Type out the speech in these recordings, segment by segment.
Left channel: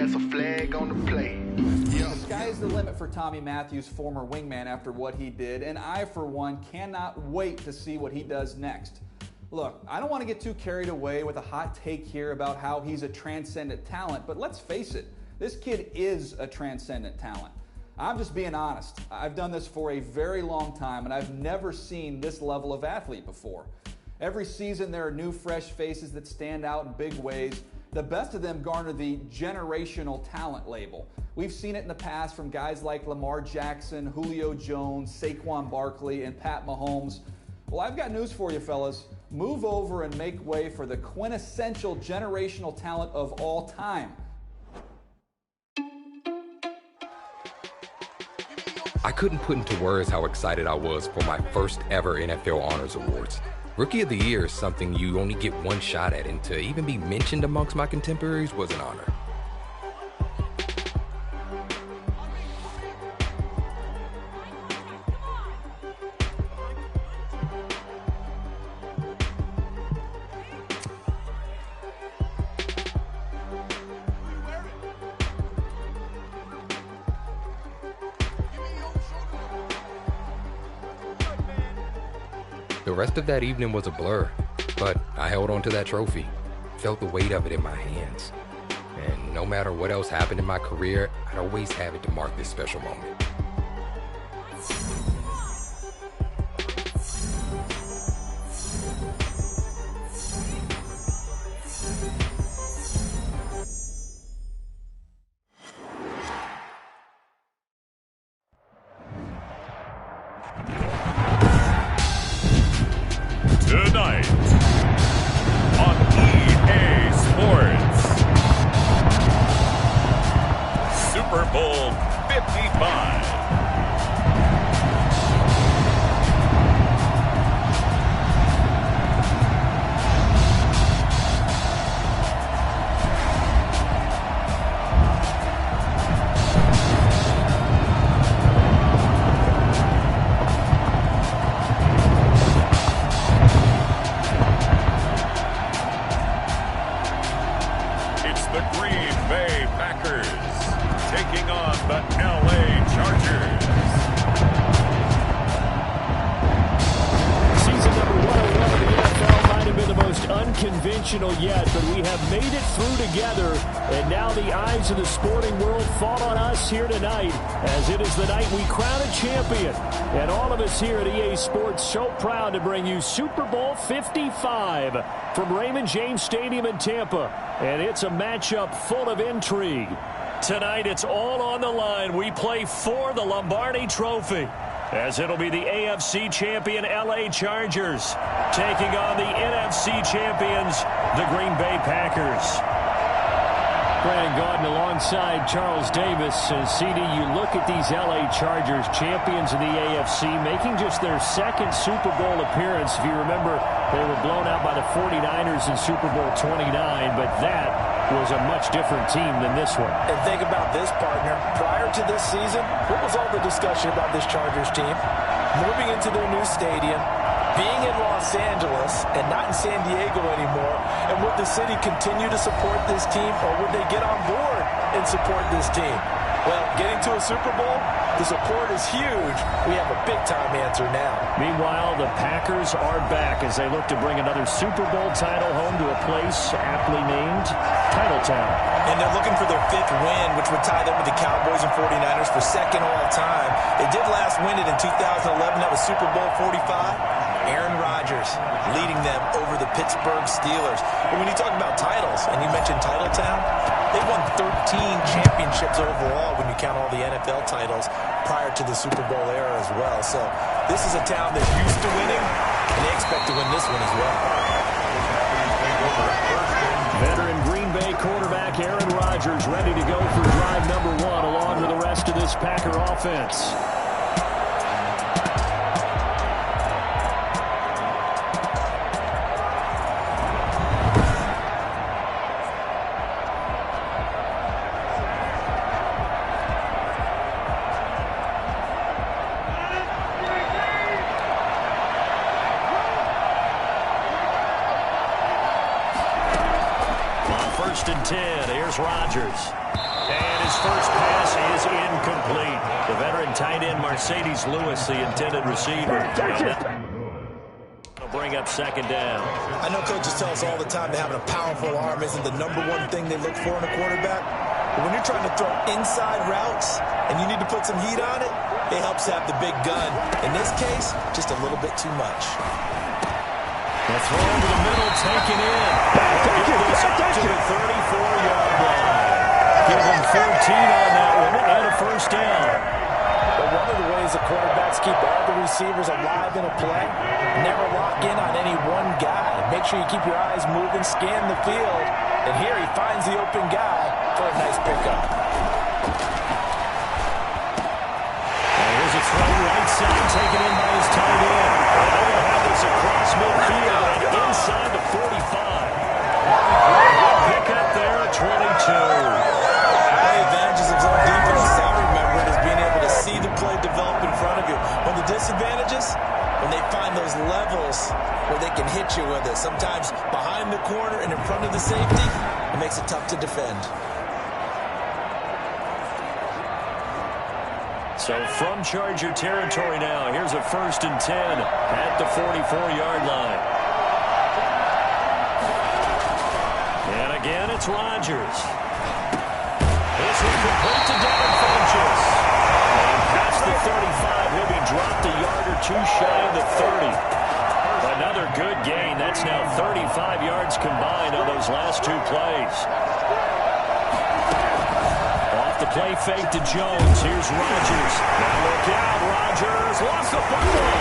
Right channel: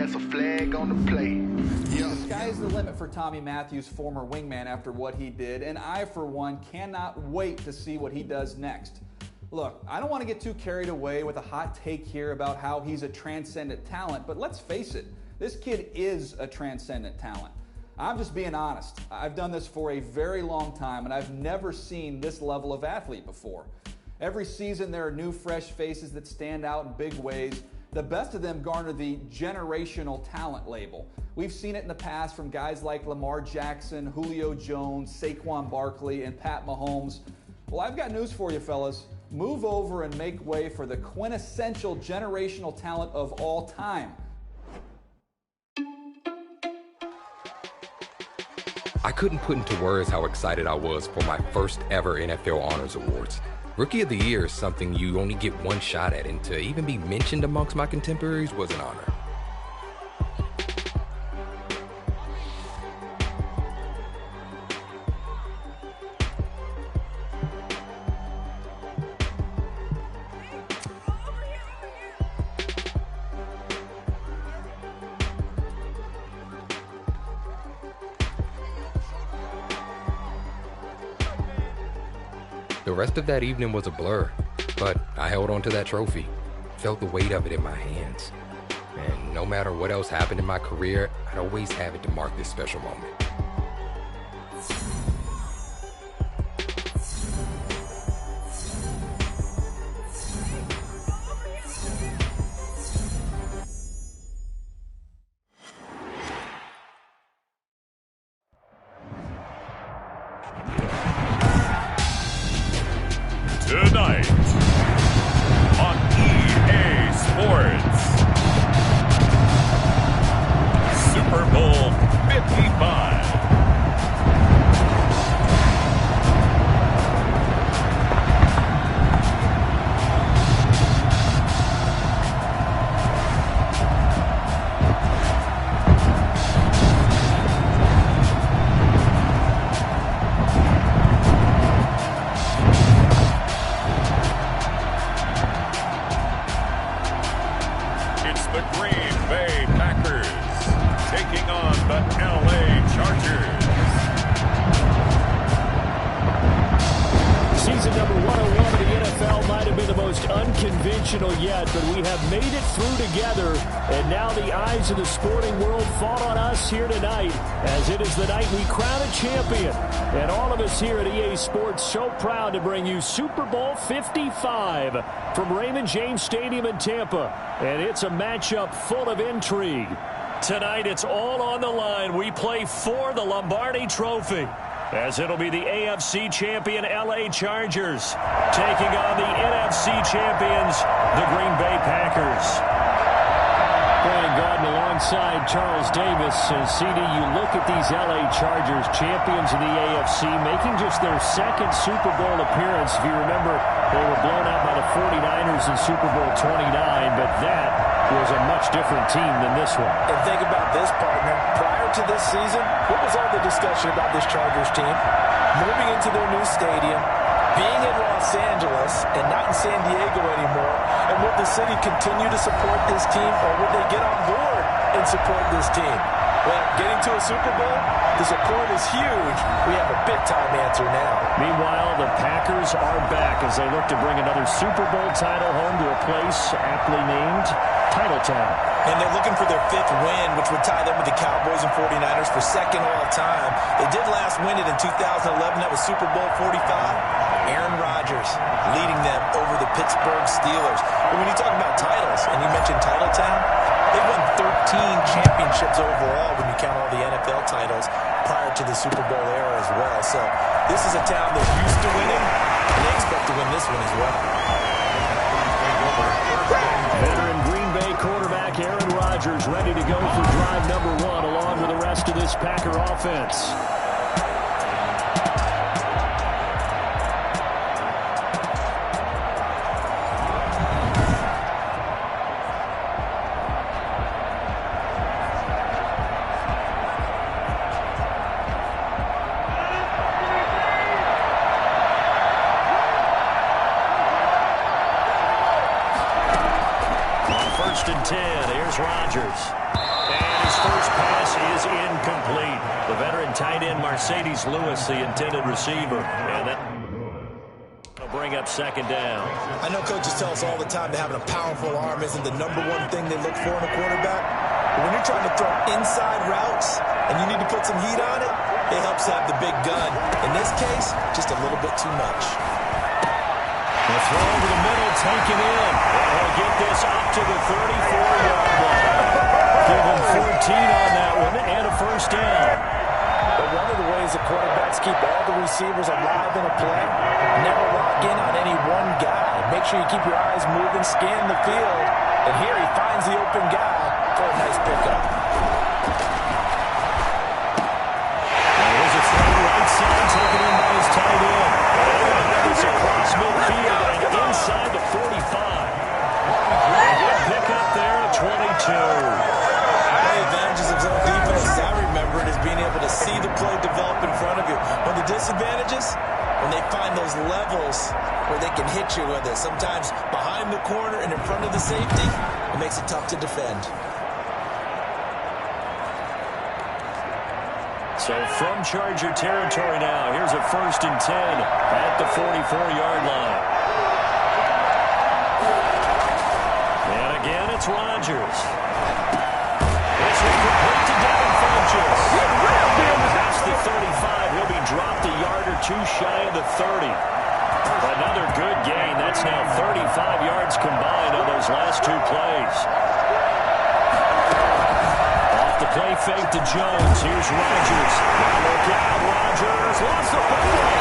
that's a flag on the play. Yeah. The sky's the limit for Tommy Matthews, former wingman, after what he did, and I, for one, cannot wait to see what he does next. Look, I don't want to get too carried away with a hot take here about how he's a transcendent talent, but let's face it, this kid is a transcendent talent. I'm just being honest. I've done this for a very long time, and I've never seen this level of athlete before. Every season, there are new, fresh faces that stand out in big ways. The best of them garner the generational talent label. We've seen it in the past from guys like Lamar Jackson, Julio Jones, Saquon Barkley, and Pat Mahomes. Well, I've got news for you, fellas. Move over and make way for the quintessential generational talent of all time. I couldn't put into words how excited I was for my first ever NFL Honors Awards. Rookie of the Year is something you only get one shot at, and to even be mentioned amongst my contemporaries was an honor. The rest of that evening was a blur, but I held on to that trophy, felt the weight of it in my hands. And no matter what else happened in my career, I'd always have it to mark this special moment. Tonight on EA Sports, Super Bowl 55. The Green Bay Packers taking on the LA Chargers. Season number 101 of the NFL might have been the most unconventional yet, but we have made it through together, and now the eyes of the sporting world fall on us here tonight, as it is the night we crown a champion. And all of us here at EA Sports so proud to bring you Super Bowl 55 from Raymond James Stadium in Tampa. And it's a matchup full of intrigue. Tonight, it's all on the line. We play for the Lombardi Trophy, as it'll be the AFC champion LA Chargers taking on the NFC champions, the Green Bay Packers. Brandon Gaudin alongside Charles Davis. And CD, you look at these LA Chargers, champions of the AFC, making just their second Super Bowl appearance. If you remember, they were blown out by the 49ers in Super Bowl 29, but that was a much different team than this one. And think about this, partner. Prior to this season, what was all the discussion about this Chargers team? Moving into their new stadium, being in Los Angeles and not in San Diego anymore, and would the city continue to support this team, or would they get on board and support this team? Well, getting to a Super Bowl, the support is huge. We have a big-time answer now. Meanwhile, the Packers are back as they look to bring another Super Bowl title home to a place aptly named Titletown. And they're looking for their fifth win, which would tie them with the Cowboys and 49ers for second all-time. They did last win it in 2011. That was Super Bowl 45. Aaron Rodgers leading them over the Pittsburgh Steelers. But when you talk about titles, and you mentioned Titletown, they've won 13 championships overall when you count all the NFL titles prior to the Super Bowl era as well. So this is a town that's used to winning, and they expect to win this one as well. Veteran Green Bay quarterback Aaron Rodgers ready to go for drive number one along with the rest of this Packer offense. First and 10. Here's Rodgers. His first pass is incomplete. The veteran tight end Mercedes Lewis, the intended receiver. And that will bring up second down. I know coaches tell us all the time that having a powerful arm isn't the number one thing they look for in a quarterback. But when you're trying to throw inside routes and you need to put some heat on it, it helps to have the big gun. In this case, just a little bit too much. The throw over the middle, taken in. And he'll get this up to the 34-yard line. Give him 14 on that one and a first down. But one of the ways the quarterbacks keep all the receivers alive in a play, never lock in on any one guy. Make sure you keep your eyes moving, scan the field. And here he finds the open guy for a nice pickup. Here's a throw right side, taken in by his tight end. And they're going to have this across midfield and inside the 45. Good pick up there at 22. One of the advantages of zone defense, as I remember it, is being able to see the play develop in front of you. One of the disadvantages, when they find those levels where they can hit you with it. Sometimes behind the corner and in front of the safety, it makes it tough to defend. So from Charger territory now, here's a 1st and 10 at the 44-yard line. And again, it's Rodgers. This one complete to Devin Funchess. And past the 35, he'll be dropped a yard or two shy of the 30. Another good gain. That's now 35 yards combined on those last two plays. The play fake to Jones. Here's Rodgers. Now look out. Rodgers lost the football.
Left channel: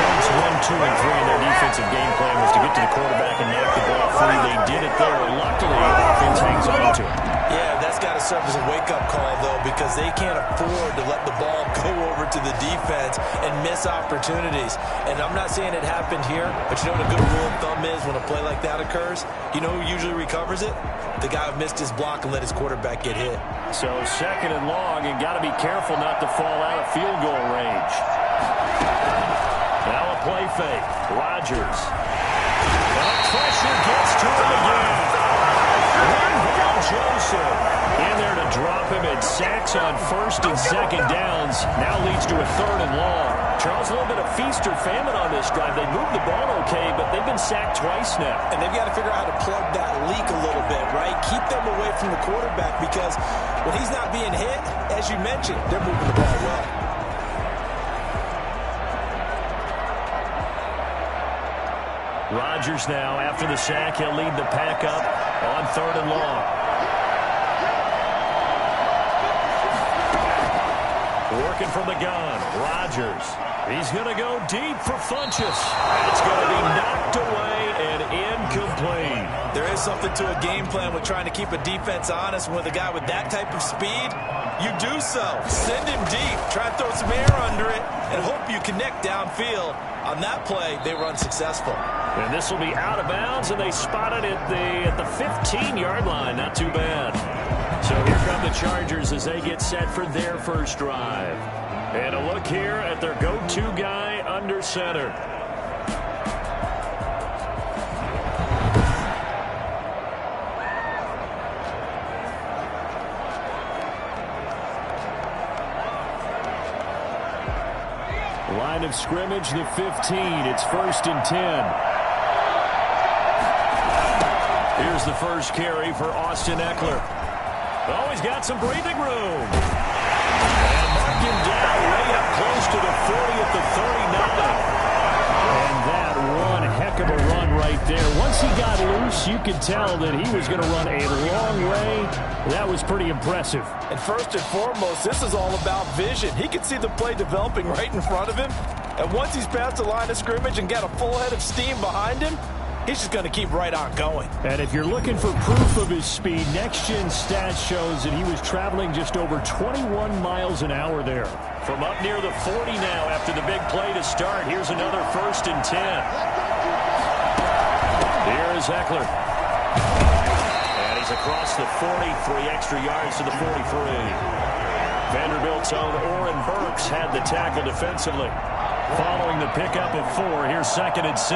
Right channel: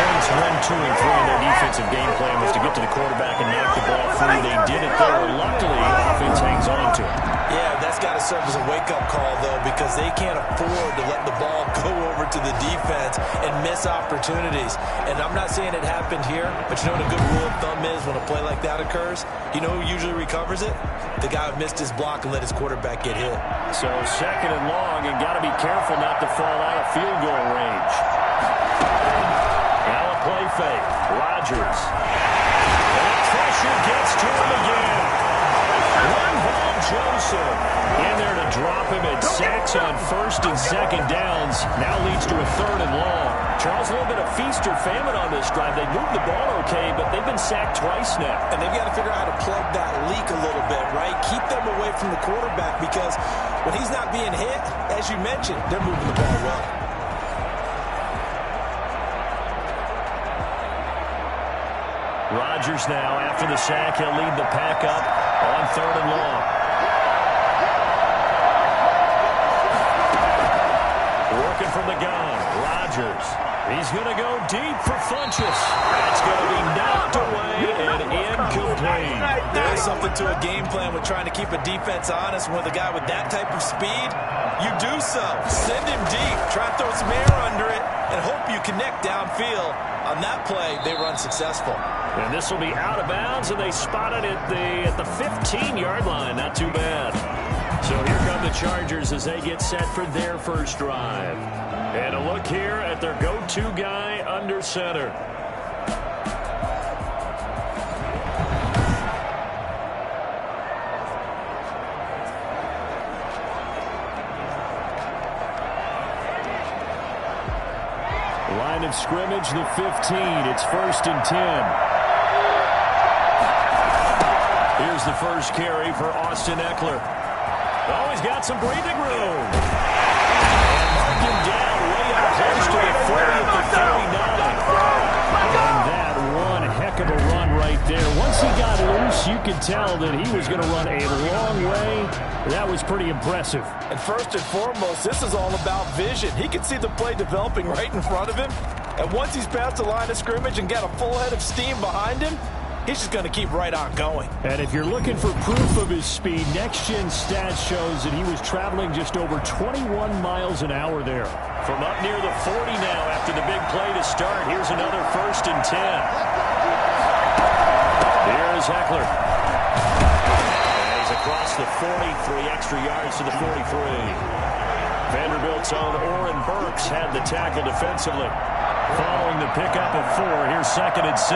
Points 1, 2, and 3 in their defensive game plan was to get to the quarterback and knock the ball free. They did it there. Luckily, offense hangs on to it. Yeah, that's got to serve as a wake-up call, though, because they can't afford to let the ball go over to the defense and miss opportunities. And I'm not saying it happened here, but you know what a good rule of thumb is when a play like that occurs? You know who usually recovers it? The guy who missed his block and let his quarterback get hit. So 2nd and long, and got to be careful not to fall out of field goal range. Now a play fake. Rodgers. And the pressure gets to him again. One ball Joseph in there to drop him, and sacks on 1st and 2nd downs. Now leads to a 3rd and long. Charles, a little bit of feast or famine on this drive. They moved the ball okay, but they've been sacked twice now. And they've got to figure out how to plug that leak a little bit, right? Keep them away from the quarterback, because when he's not being hit, as you mentioned, they're moving the ball well. Rodgers now, after the sack, he'll lead the pack up on 3rd and long. Working from the gun, Rodgers. He's going to go deep for Funchess. That's going to be knocked away and incomplete. There is something to a game plan with trying to keep a defense honest. With a guy with that type of speed, you do so. Send him deep. Try and throw some air under it and hope you connect downfield. On that play, they were unsuccessful. And this will be out of bounds, and they spot it at the 15-yard line. Not too bad. So here come the Chargers as they get set for their first drive. And a look here at their go-to guy under center. Line of scrimmage, the 15. It's 1st and 10. Here's the first carry for Austin Eckler. Oh, he's got some breathing room. And mark him down way up close to the 30 at the 39. And that one heck of a run right there. Once he got loose, you could tell that he was going to run a long way. That was pretty impressive. And first and foremost, this is all about vision. He could see the play developing right in front of him. And once he's past the line of scrimmage and got a full head of steam behind him, he's just going to keep right on going. And if you're looking for proof of his speed, Next Gen Stats shows that he was traveling just over 21 miles an hour there. From up near the 40 now after the big play to start. Here's another 1st and 10. Here's Eckler. And he's across the 40, 3 extra yards to the 43. Vanderbilt's own Oren Burks had the tackle defensively. Following the pickup of 4, here's 2nd and 6.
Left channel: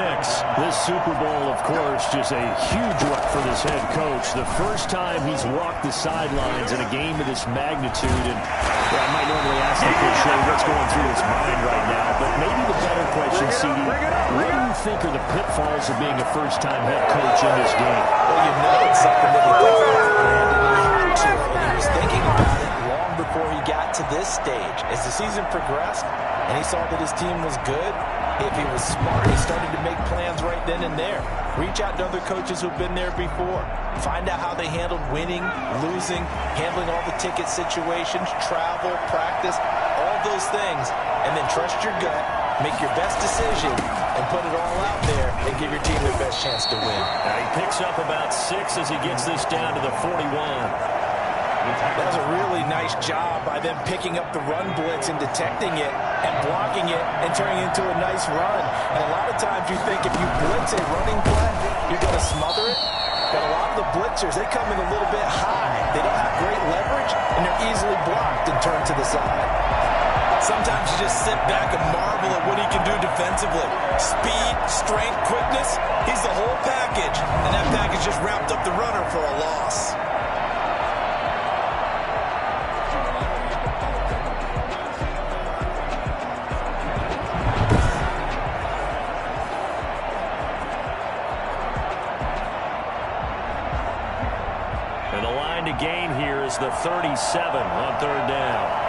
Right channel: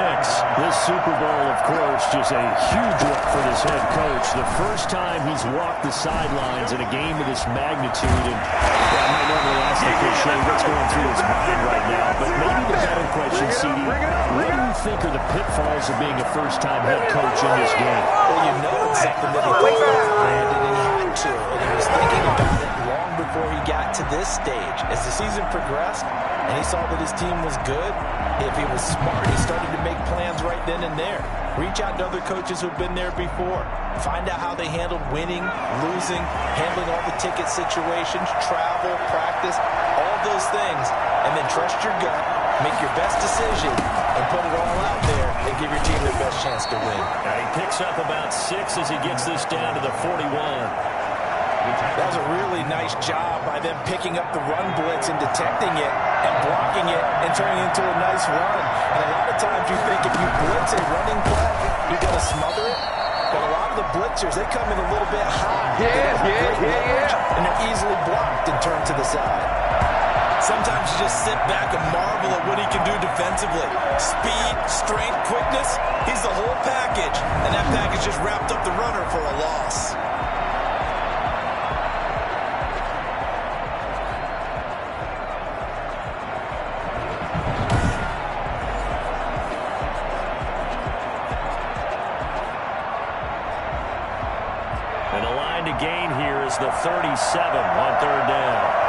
This Super Bowl, of course, just a huge one for this head coach. The first time he's walked the sidelines in a game of this magnitude. And I might normally ask the cliche what's going through his mind right now, but maybe the better question, CD, what do you think are the pitfalls of being a first-time head coach in this game? Well, you know it's something that he thought about, Brandon, and he had to, and he was thinking about it long before he got to this stage. As the season progressed, and he saw that his team was good, if he was smart, he started to make plans right then and there. Reach out to other coaches who've been there before. Find out how they handled winning, losing, handling all the ticket situations, travel, practice, all those things. And then trust your gut, make your best decision, and put it all out there and give your team the best chance to win. Now he picks up about 6 as he gets this down to the 41. That was a really nice job by them picking up the run blitz and detecting it and blocking it and turning it into a nice run. And a lot of times you think if you blitz a running play, you're going to smother it. But a lot of the blitzers, they come in a little bit high. They don't have great leverage, and they're easily blocked and turned to the side. Sometimes you just sit back and marvel at what he can do defensively. Speed, strength, quickness, he's the whole package. And that package just wrapped up the runner for a loss. And the line to gain here is the 37 on 3rd down.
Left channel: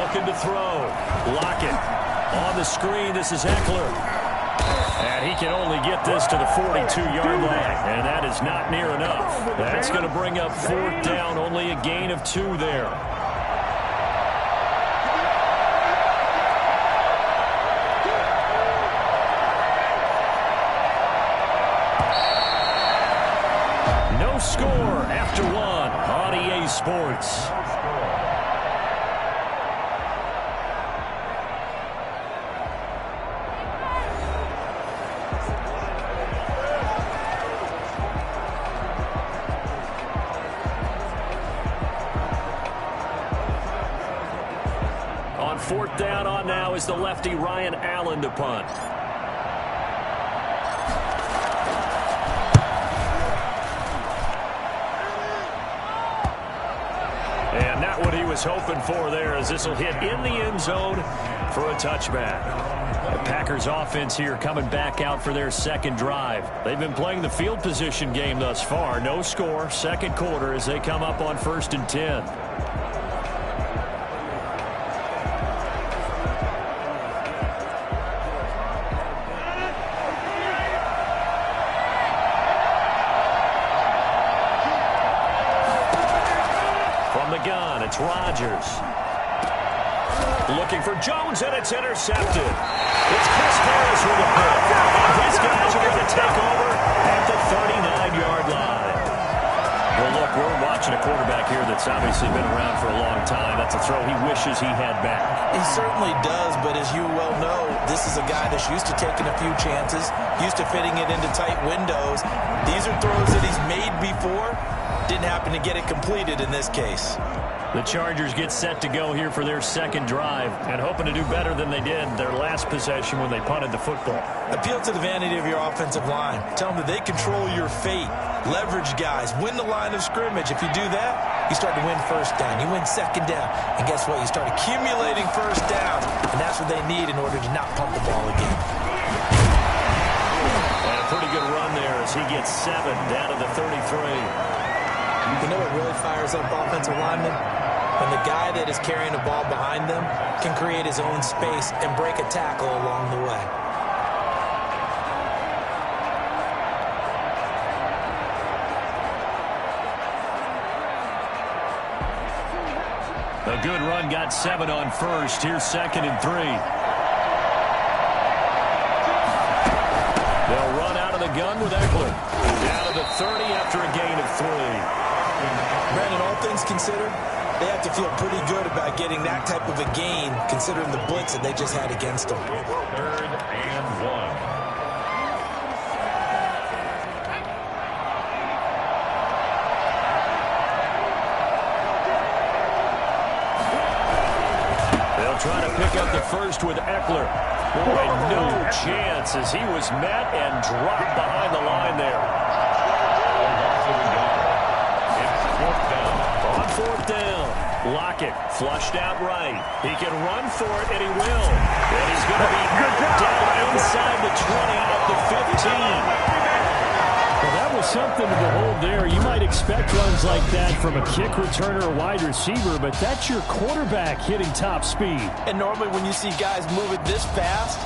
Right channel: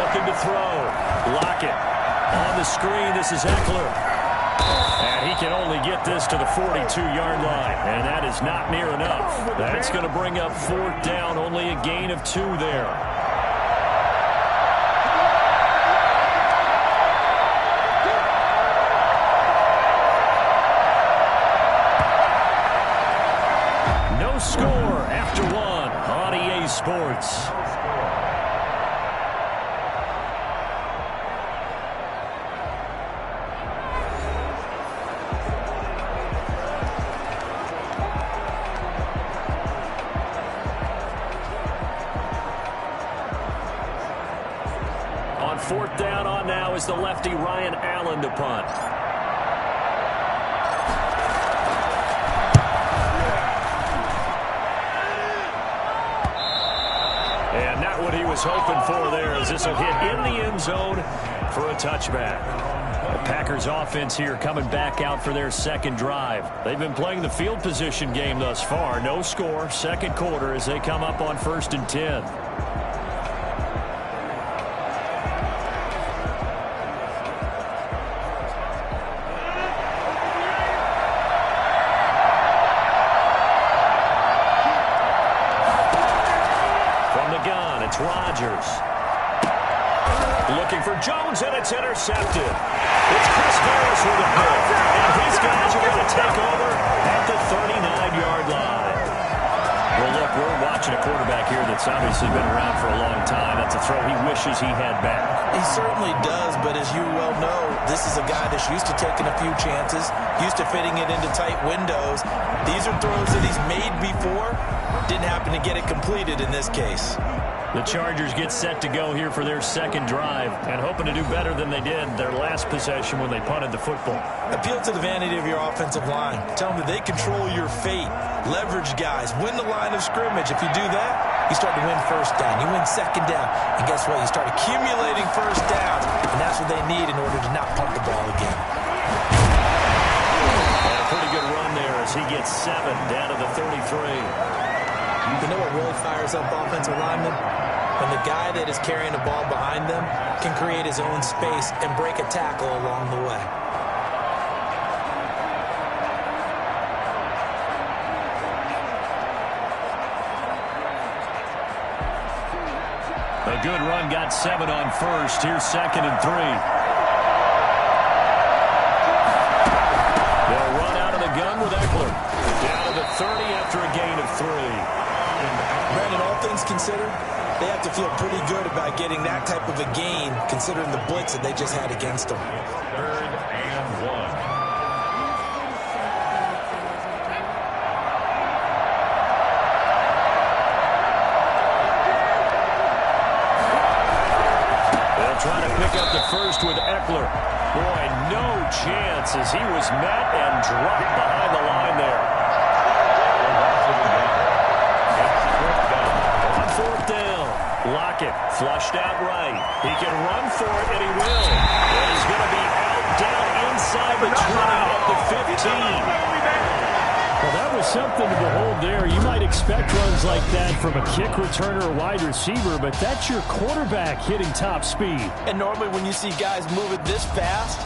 Looking to throw. Lockett on the screen. This is Eckler. And he can only get this to the 42-yard line. And that is not near enough. That's going to bring up 4th down. Only a gain of 2 there. No score after 1 on EA Sports. On 4th down on now is the lefty Ryan Allen to punt. And not what he was hoping for there, as this will hit in the end zone for a touchback. The Packers offense here coming back out for their 2nd drive. They've been playing the field position game thus far. No score, 2nd quarter as they come up on 1st and 10. It's Rodgers. Looking for Jones, and it's intercepted. It's Chris Harris with a pick. And his guys are going to take over at the 39-yard line. Well, look, we're watching a quarterback here that's obviously been around for a long time. That's a throw he wishes he had back. He certainly does, but as you well know, this is a guy that's used to taking a few chances, used to fitting it into tight windows. These are throws that he's made before. Didn't happen to get it completed in this case. The Chargers get set to go here for their 2nd drive and hoping to do better than they did their last possession when they punted the football. Appeal to the vanity of your offensive line. Tell them that they control your fate. Leverage guys. Win the line of scrimmage. If you do that, you start to win 1st down. You win 2nd down. And guess what? You start accumulating 1st downs. And that's what they need in order to not punt the ball again. And a pretty good run there as he gets 7 down to the 33. You know what really fires up offensive linemen? When the guy that is carrying the ball behind them can create his own space and break a tackle along the way. A good run, got 7 on 1st. Here's 2nd and 3. They'll run out of the gun with Eckler. Down to the 30 after a gain of 3. Brandon, all things considered, they have to feel pretty good about getting that type of a gain, considering the blitz that they just had against them. 3rd and 1. pick up the first with Eckler. Boy, no chance as he was met and dropped behind the line there. On fourth down, Lockett flushed out right. He can run for it, and he will. And he's going to be out down inside the 20 at the 15. Well, that was something to behold there. You might expect runs like that from a kick returner or wide receiver, but that's your quarterback hitting top speed. And normally when you see guys move it this fast,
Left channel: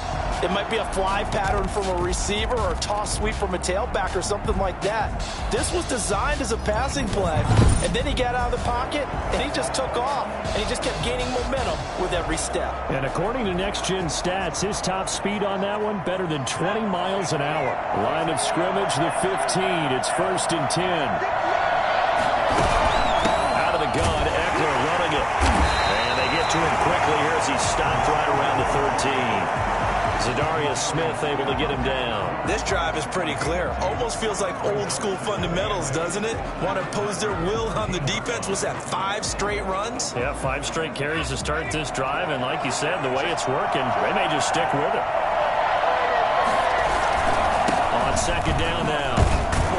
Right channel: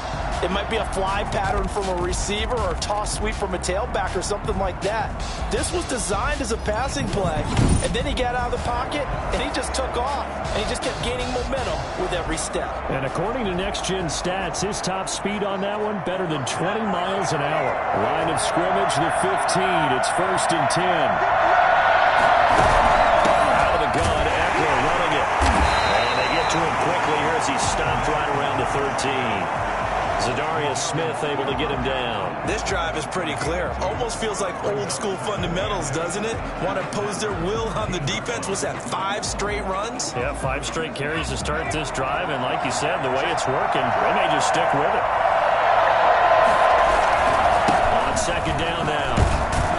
it might be a fly pattern from a receiver or a toss sweep from a tailback or something like that. This was designed as a passing play, and then he got out of the pocket, and he just took off, and he just kept gaining momentum with every step. And according to Next Gen Stats, his top speed on that one, better than 20 miles an hour. Line of scrimmage, the 15. It's 1st and 10. Out of the gun, Eckler running it. And they get to him quickly here as he stopped right around the 13. Zadarius Smith able to get him down. This drive is pretty clear. Almost feels like old school fundamentals, doesn't it? Want to impose their will on the defense. Was that 5 straight runs? Yeah, 5 straight carries to start this drive. And like you said, the way it's working, they may just stick with it. On 2nd down now,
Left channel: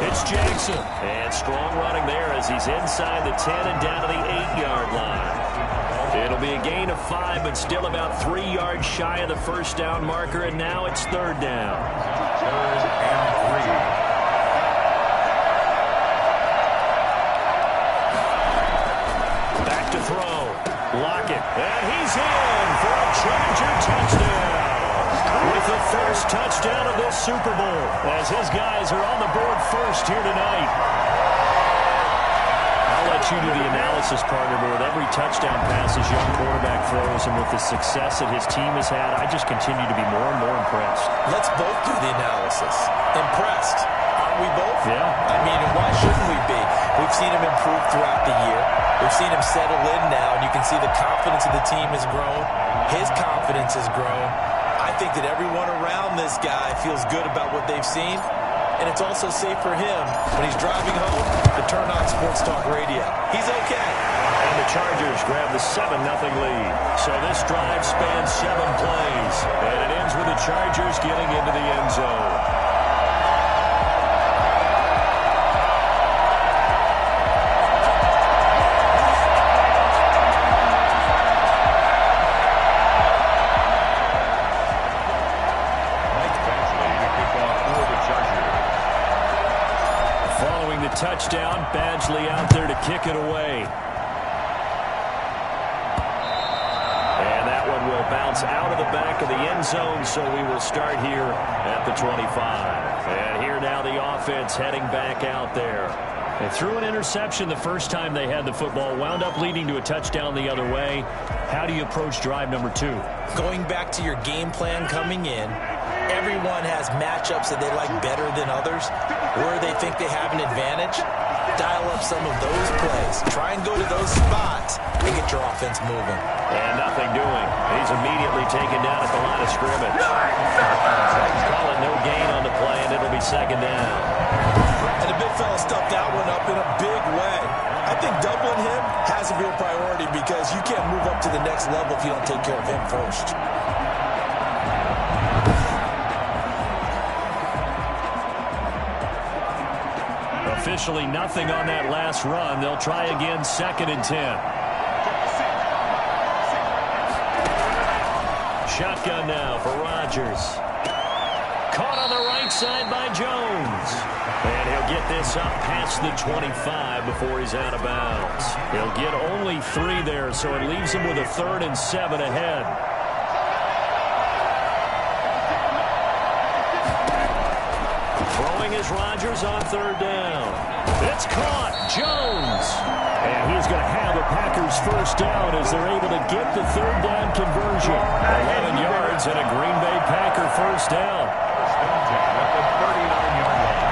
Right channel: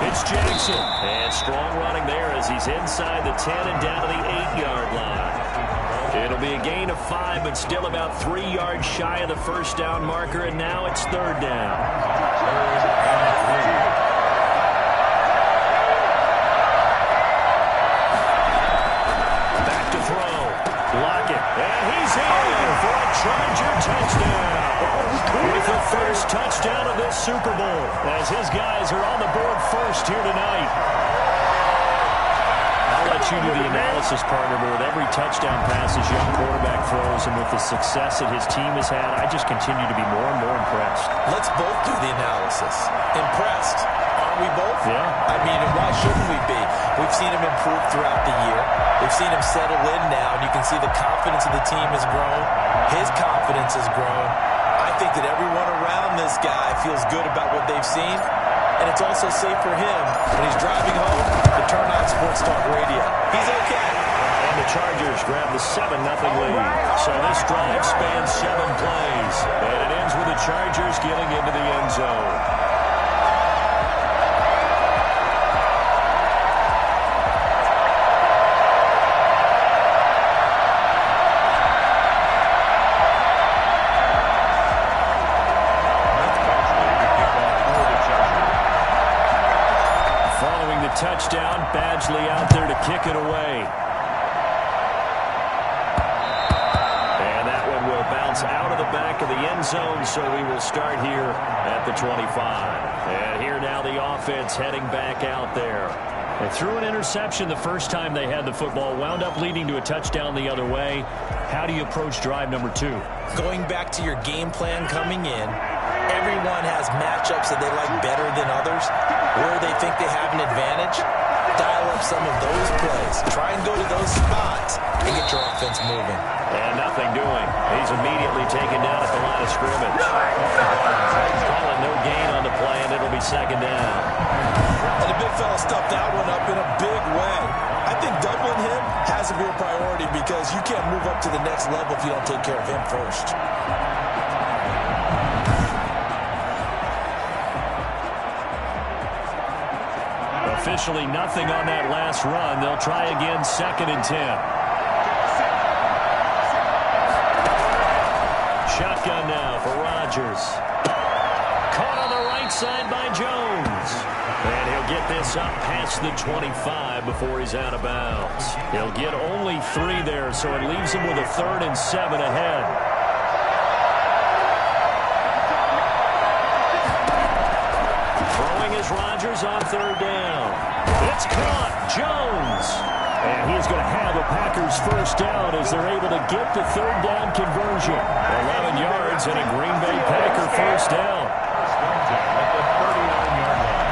it's Jackson. And strong running there as he's inside the 10 and down to the 8-yard line. It'll be a gain of 5, but still about 3 yards shy of the first down marker, and now it's 3rd down. 3rd and 3. Back to throw. Lockett. And he's in for a Charger touchdown. With the first touchdown of this Super Bowl, as his guys are on the board first here tonight. I'll let you do the analysis, partner, but with every touchdown pass his young quarterback throws and with the success that his team has had, I just continue to be more and more impressed. Let's both do the analysis. Impressed. Aren't we both? Yeah. I mean, why shouldn't we be? We've seen him improve throughout the year. We've seen him settle in now, and you can see the confidence of the team has grown. His confidence has grown. I think that everyone around this guy feels good about what they've seen. And it's also safe for him when he's driving home to turn on Sports Talk Radio. He's okay. And the Chargers grab the 7-0 lead. So this drive spans 7 plays. And it ends with the Chargers getting into the end zone. Following the touchdown, Badgley out there to kick it away. And that one will bounce out of the back of the end zone, so we will start here at the 25. And here now the offense heading back out there. They threw an interception the first time they had the football, wound up leading to a touchdown the other way. How do you approach drive number 2? Going back to your game plan coming in, everyone has matchups that they like better than others. Where they think they have an advantage, dial up some of those plays. Try and go to those spots and get your offense moving. And nothing doing. He's immediately taken down at the line of scrimmage. Call it no gain on the play, and it'll be 2nd down. And the big fella stuffed that one up in a big way. I think doubling him has to be a priority because you can't move up to the next level if you don't take care of him first. Officially nothing on that last run. They'll try again, 2nd and 10. Shotgun now for Rodgers. Caught on the right side by Jones. And he'll get this up past the 25 before he's out of bounds. He'll get only 3 there, so it leaves him with a 3rd and 7 ahead. Throwing is Rodgers on 3rd down. It's caught. Jones. And he's going to have a Packers first down as they're able to get the 3rd down conversion. 11 yards and a Green Bay Packer first down. At the 39-yard line.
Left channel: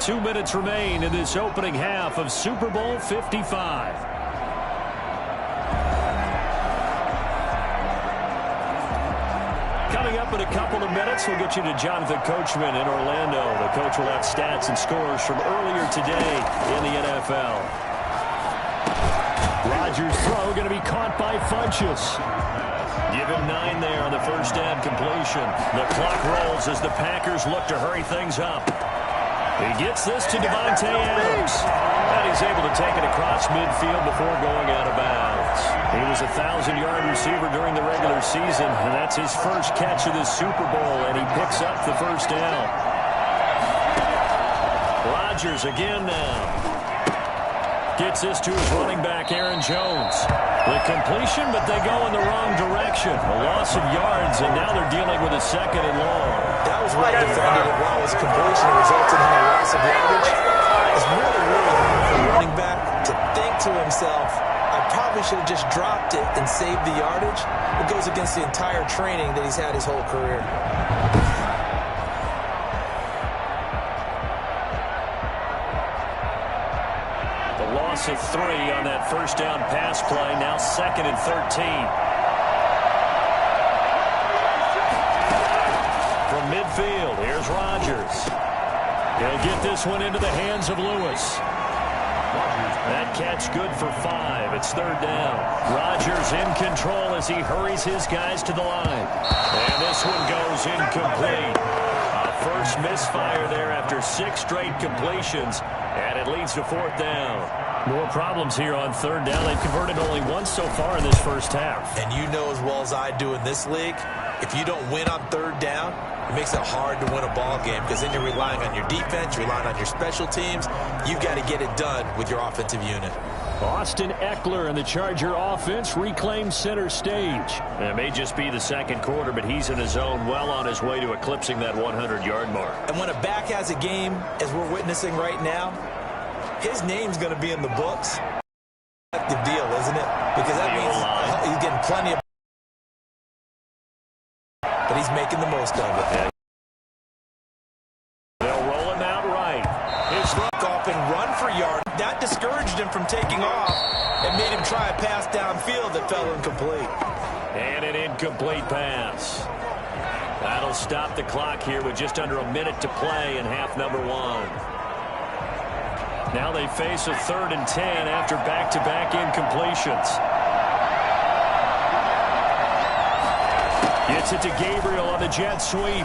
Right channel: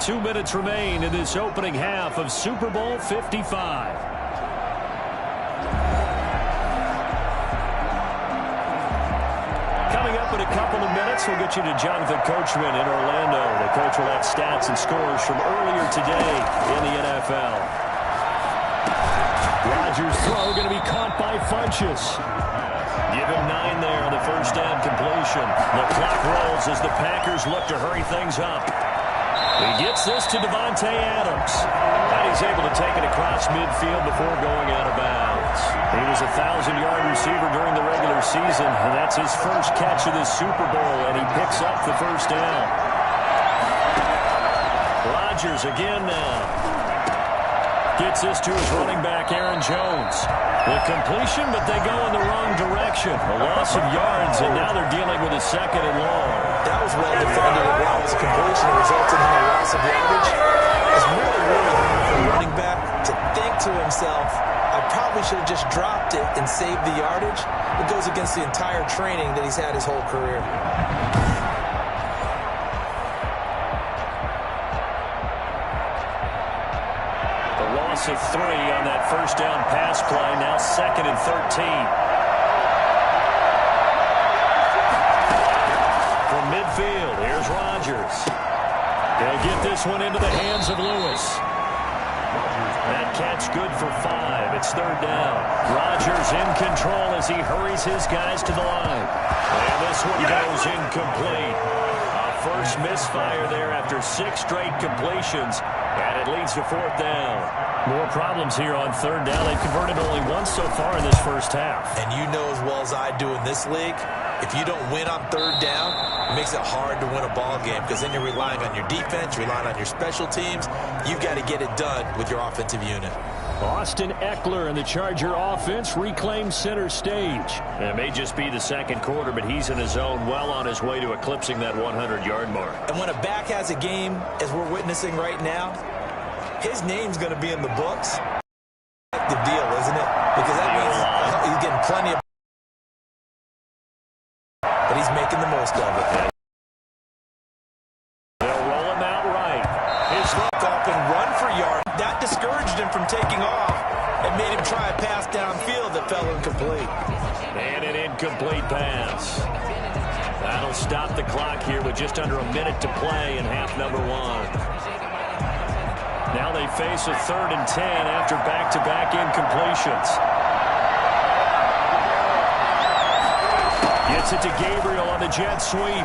2 minutes remain in this opening half of Super Bowl 55. Coming up in a couple of minutes, we'll get you to Jonathan Coachman in Orlando. The coach will have stats and scores from earlier today in the NFL. Rodgers' throw going to be caught by Funchess. Give him 9 there on the first down completion. The clock rolls as the Packers look to hurry things up. He gets this to Devontae Adams. And he's able to take it across midfield before going out of bounds. He was a 1,000-yard receiver during the regular season, and that's his first catch of this Super Bowl, and he picks up the first down. Rodgers again now. Gets this to his running back, Aaron Jones. The completion, but they go in the wrong direction. A loss of yards, and now they're dealing with a second and long. That was well defended. While it was a completion, it resulted in a loss of yardage. It's really hard for a running back to think to himself, I probably should have just dropped it and saved the yardage. It goes against the entire training that he's had his whole career. Loss of 3 on that first down pass play. Now 2nd and 13. From midfield, here's Rodgers. He'll get this one into the hands of Lewis. That catch good for 5. It's 3rd down. Rodgers in control as he hurries his guys to the line. And this one goes incomplete. A first misfire there after 6 straight completions. And it leads to 4th down. More problems here on 3rd down. They've converted only once so far in this first half. And you know as well as I do in this league, if you don't win on 3rd down, it makes it hard to win a ball game because then you're relying on your defense, relying on your special teams. You've got to get it done with your offensive unit. Austin Eckler and the Charger offense reclaim center stage. It may just be the second quarter, but he's in his zone, well on his way to eclipsing that 100-yard mark. And when a back has a game, as we're witnessing right now, his name's going to be in the books. The deal, isn't it? Because that means he's getting plenty of, but he's making the most of it. They'll roll him out right. His look off and run for yard. That discouraged him from taking off and made him try a pass downfield that fell incomplete. And an incomplete pass. That'll stop the clock here with just under a minute to play in half number 1. Now they face a 3rd and 10 after back-to-back incompletions. Gets it to Gabriel on the jet sweep.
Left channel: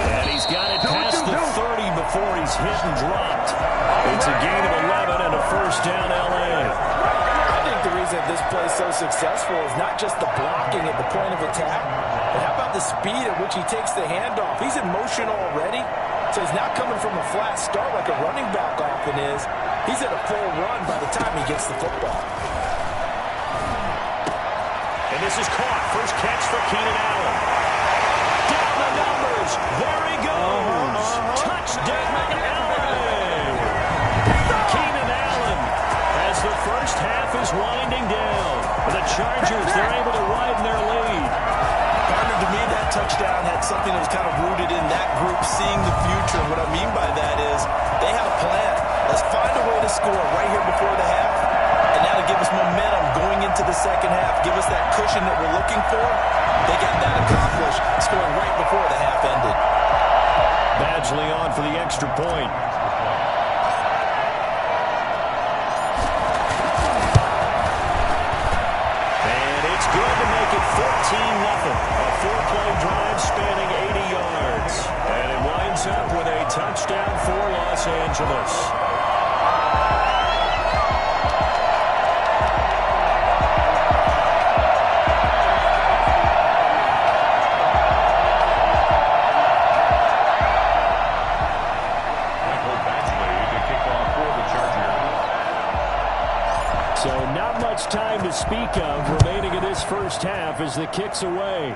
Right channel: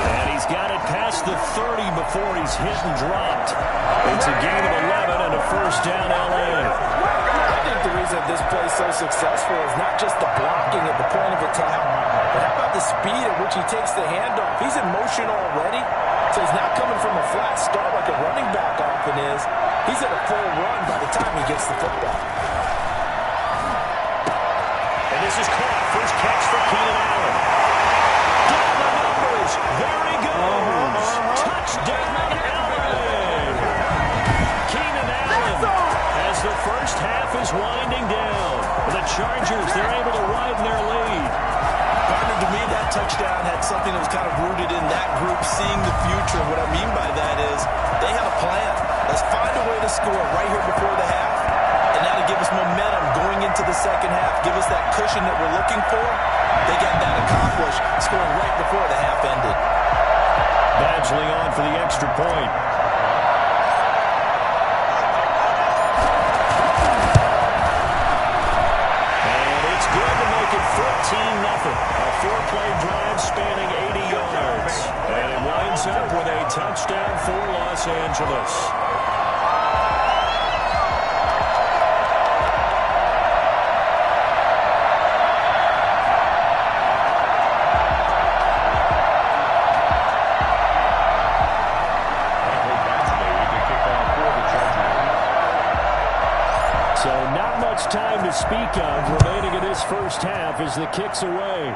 And he's got it past the 30 before he's hit and dropped. It's a gain of 11 and a first down L.A. I think the reason this play is so successful is not just the blocking at the point of attack, but how about the speed at which he takes the handoff? He's in motion already. So he's not coming from a flat start like a running back often is. He's at a full run by the time he gets the football. And this is caught. First catch for Keenan Allen. Down the numbers. There he goes. Touchdown, Allen. Keenan Allen as the first half is winding down. The Chargers, they're able to widen their lead. To me, that touchdown had something that was kind of rooted in that group seeing the future. What I mean by that is they had a plan. Let's find a way to score right here before the half. And now to give us momentum going into the second half, give us that cushion that we're looking for. They got that accomplished, scoring right before the half ended. Badgley on for the extra point. Good to make it 14-0. A 4-play drive spanning 80 yards. And it winds up with a touchdown for Los Angeles. Michael Badgley to kick off for the Chargers. So not much time to speak of remaining in this first half as the kick's away.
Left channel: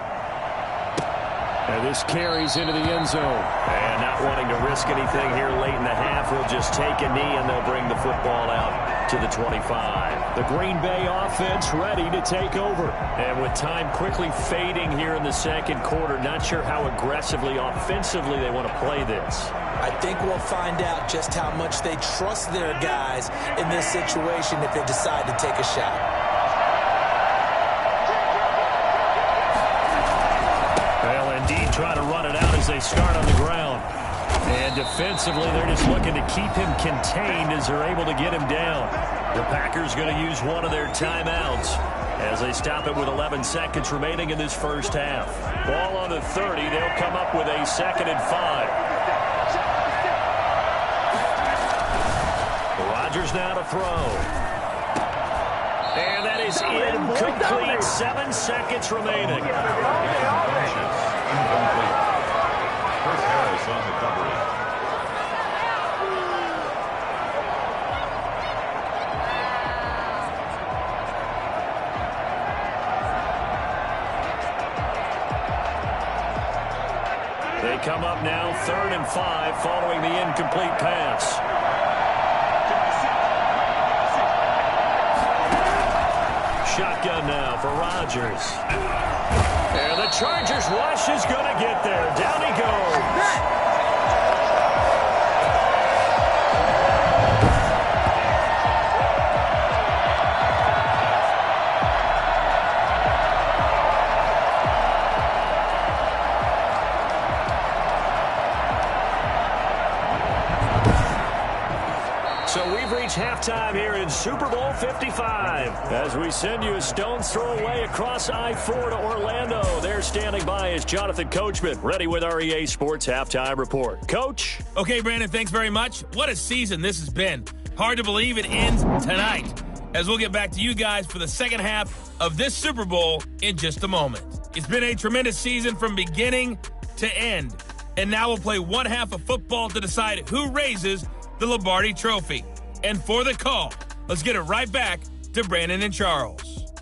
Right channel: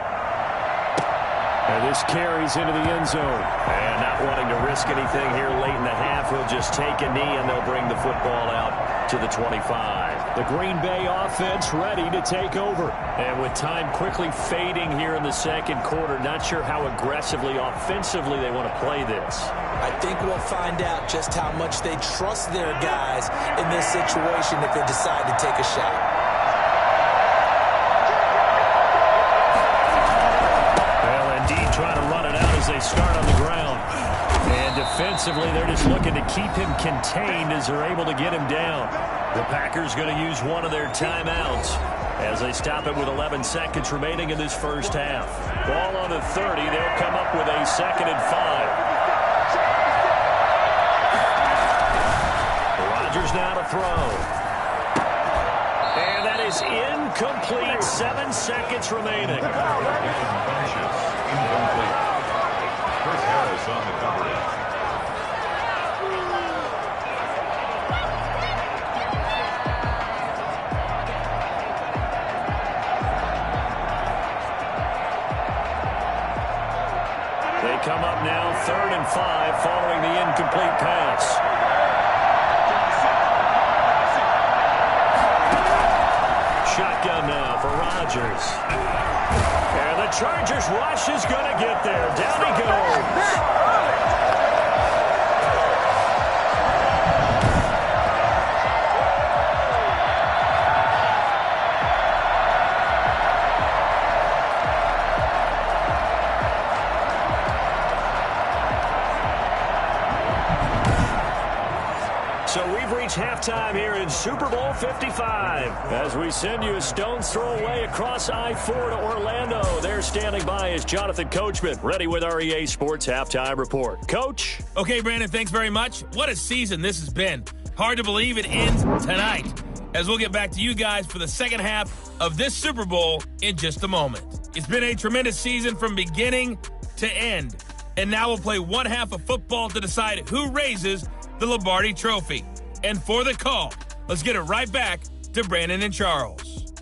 And this carries into the end zone. And not wanting to risk anything here late in the half, he'll just take a knee and they'll bring the football out to the 25. The Green Bay offense ready to take over. And with time quickly fading here in the second quarter, not sure how aggressively, offensively they want to play this. I think we'll find out just how much they trust their guys in this situation if they decide to take a shot. Well, indeed, trying to run it out as they start on the ground. And defensively, they're just looking to keep him contained as they're able to get him down. The Packers going to use one of their timeouts as they stop it with 11 seconds remaining in this first half. Ball on the 30. They'll come up with a 2nd and 5. Rodgers now to throw. And that is incomplete. 7 seconds remaining. Incomplete. Chris Harris on the coverage. They come up now 3rd and 5 following the incomplete pass. Shotgun now for Rodgers. And the Chargers rush is going to get there. Down he goes. So we've reached halftime here in Super Bowl 55. As we send you a stone's throw away across I-4 to Orlando. There standing by is Jonathan Coachman, ready with our EA Sports Halftime Report. Coach? Okay, Brandon, thanks very much. What a season this has been. Hard to believe it ends tonight, as we'll get back to you guys for the second half of this Super Bowl in just a moment. It's been a tremendous season from beginning to end, and now we'll play one half of football to decide who raises the Lombardi Trophy. And for the call, let's get it right back to Brandon and Charles.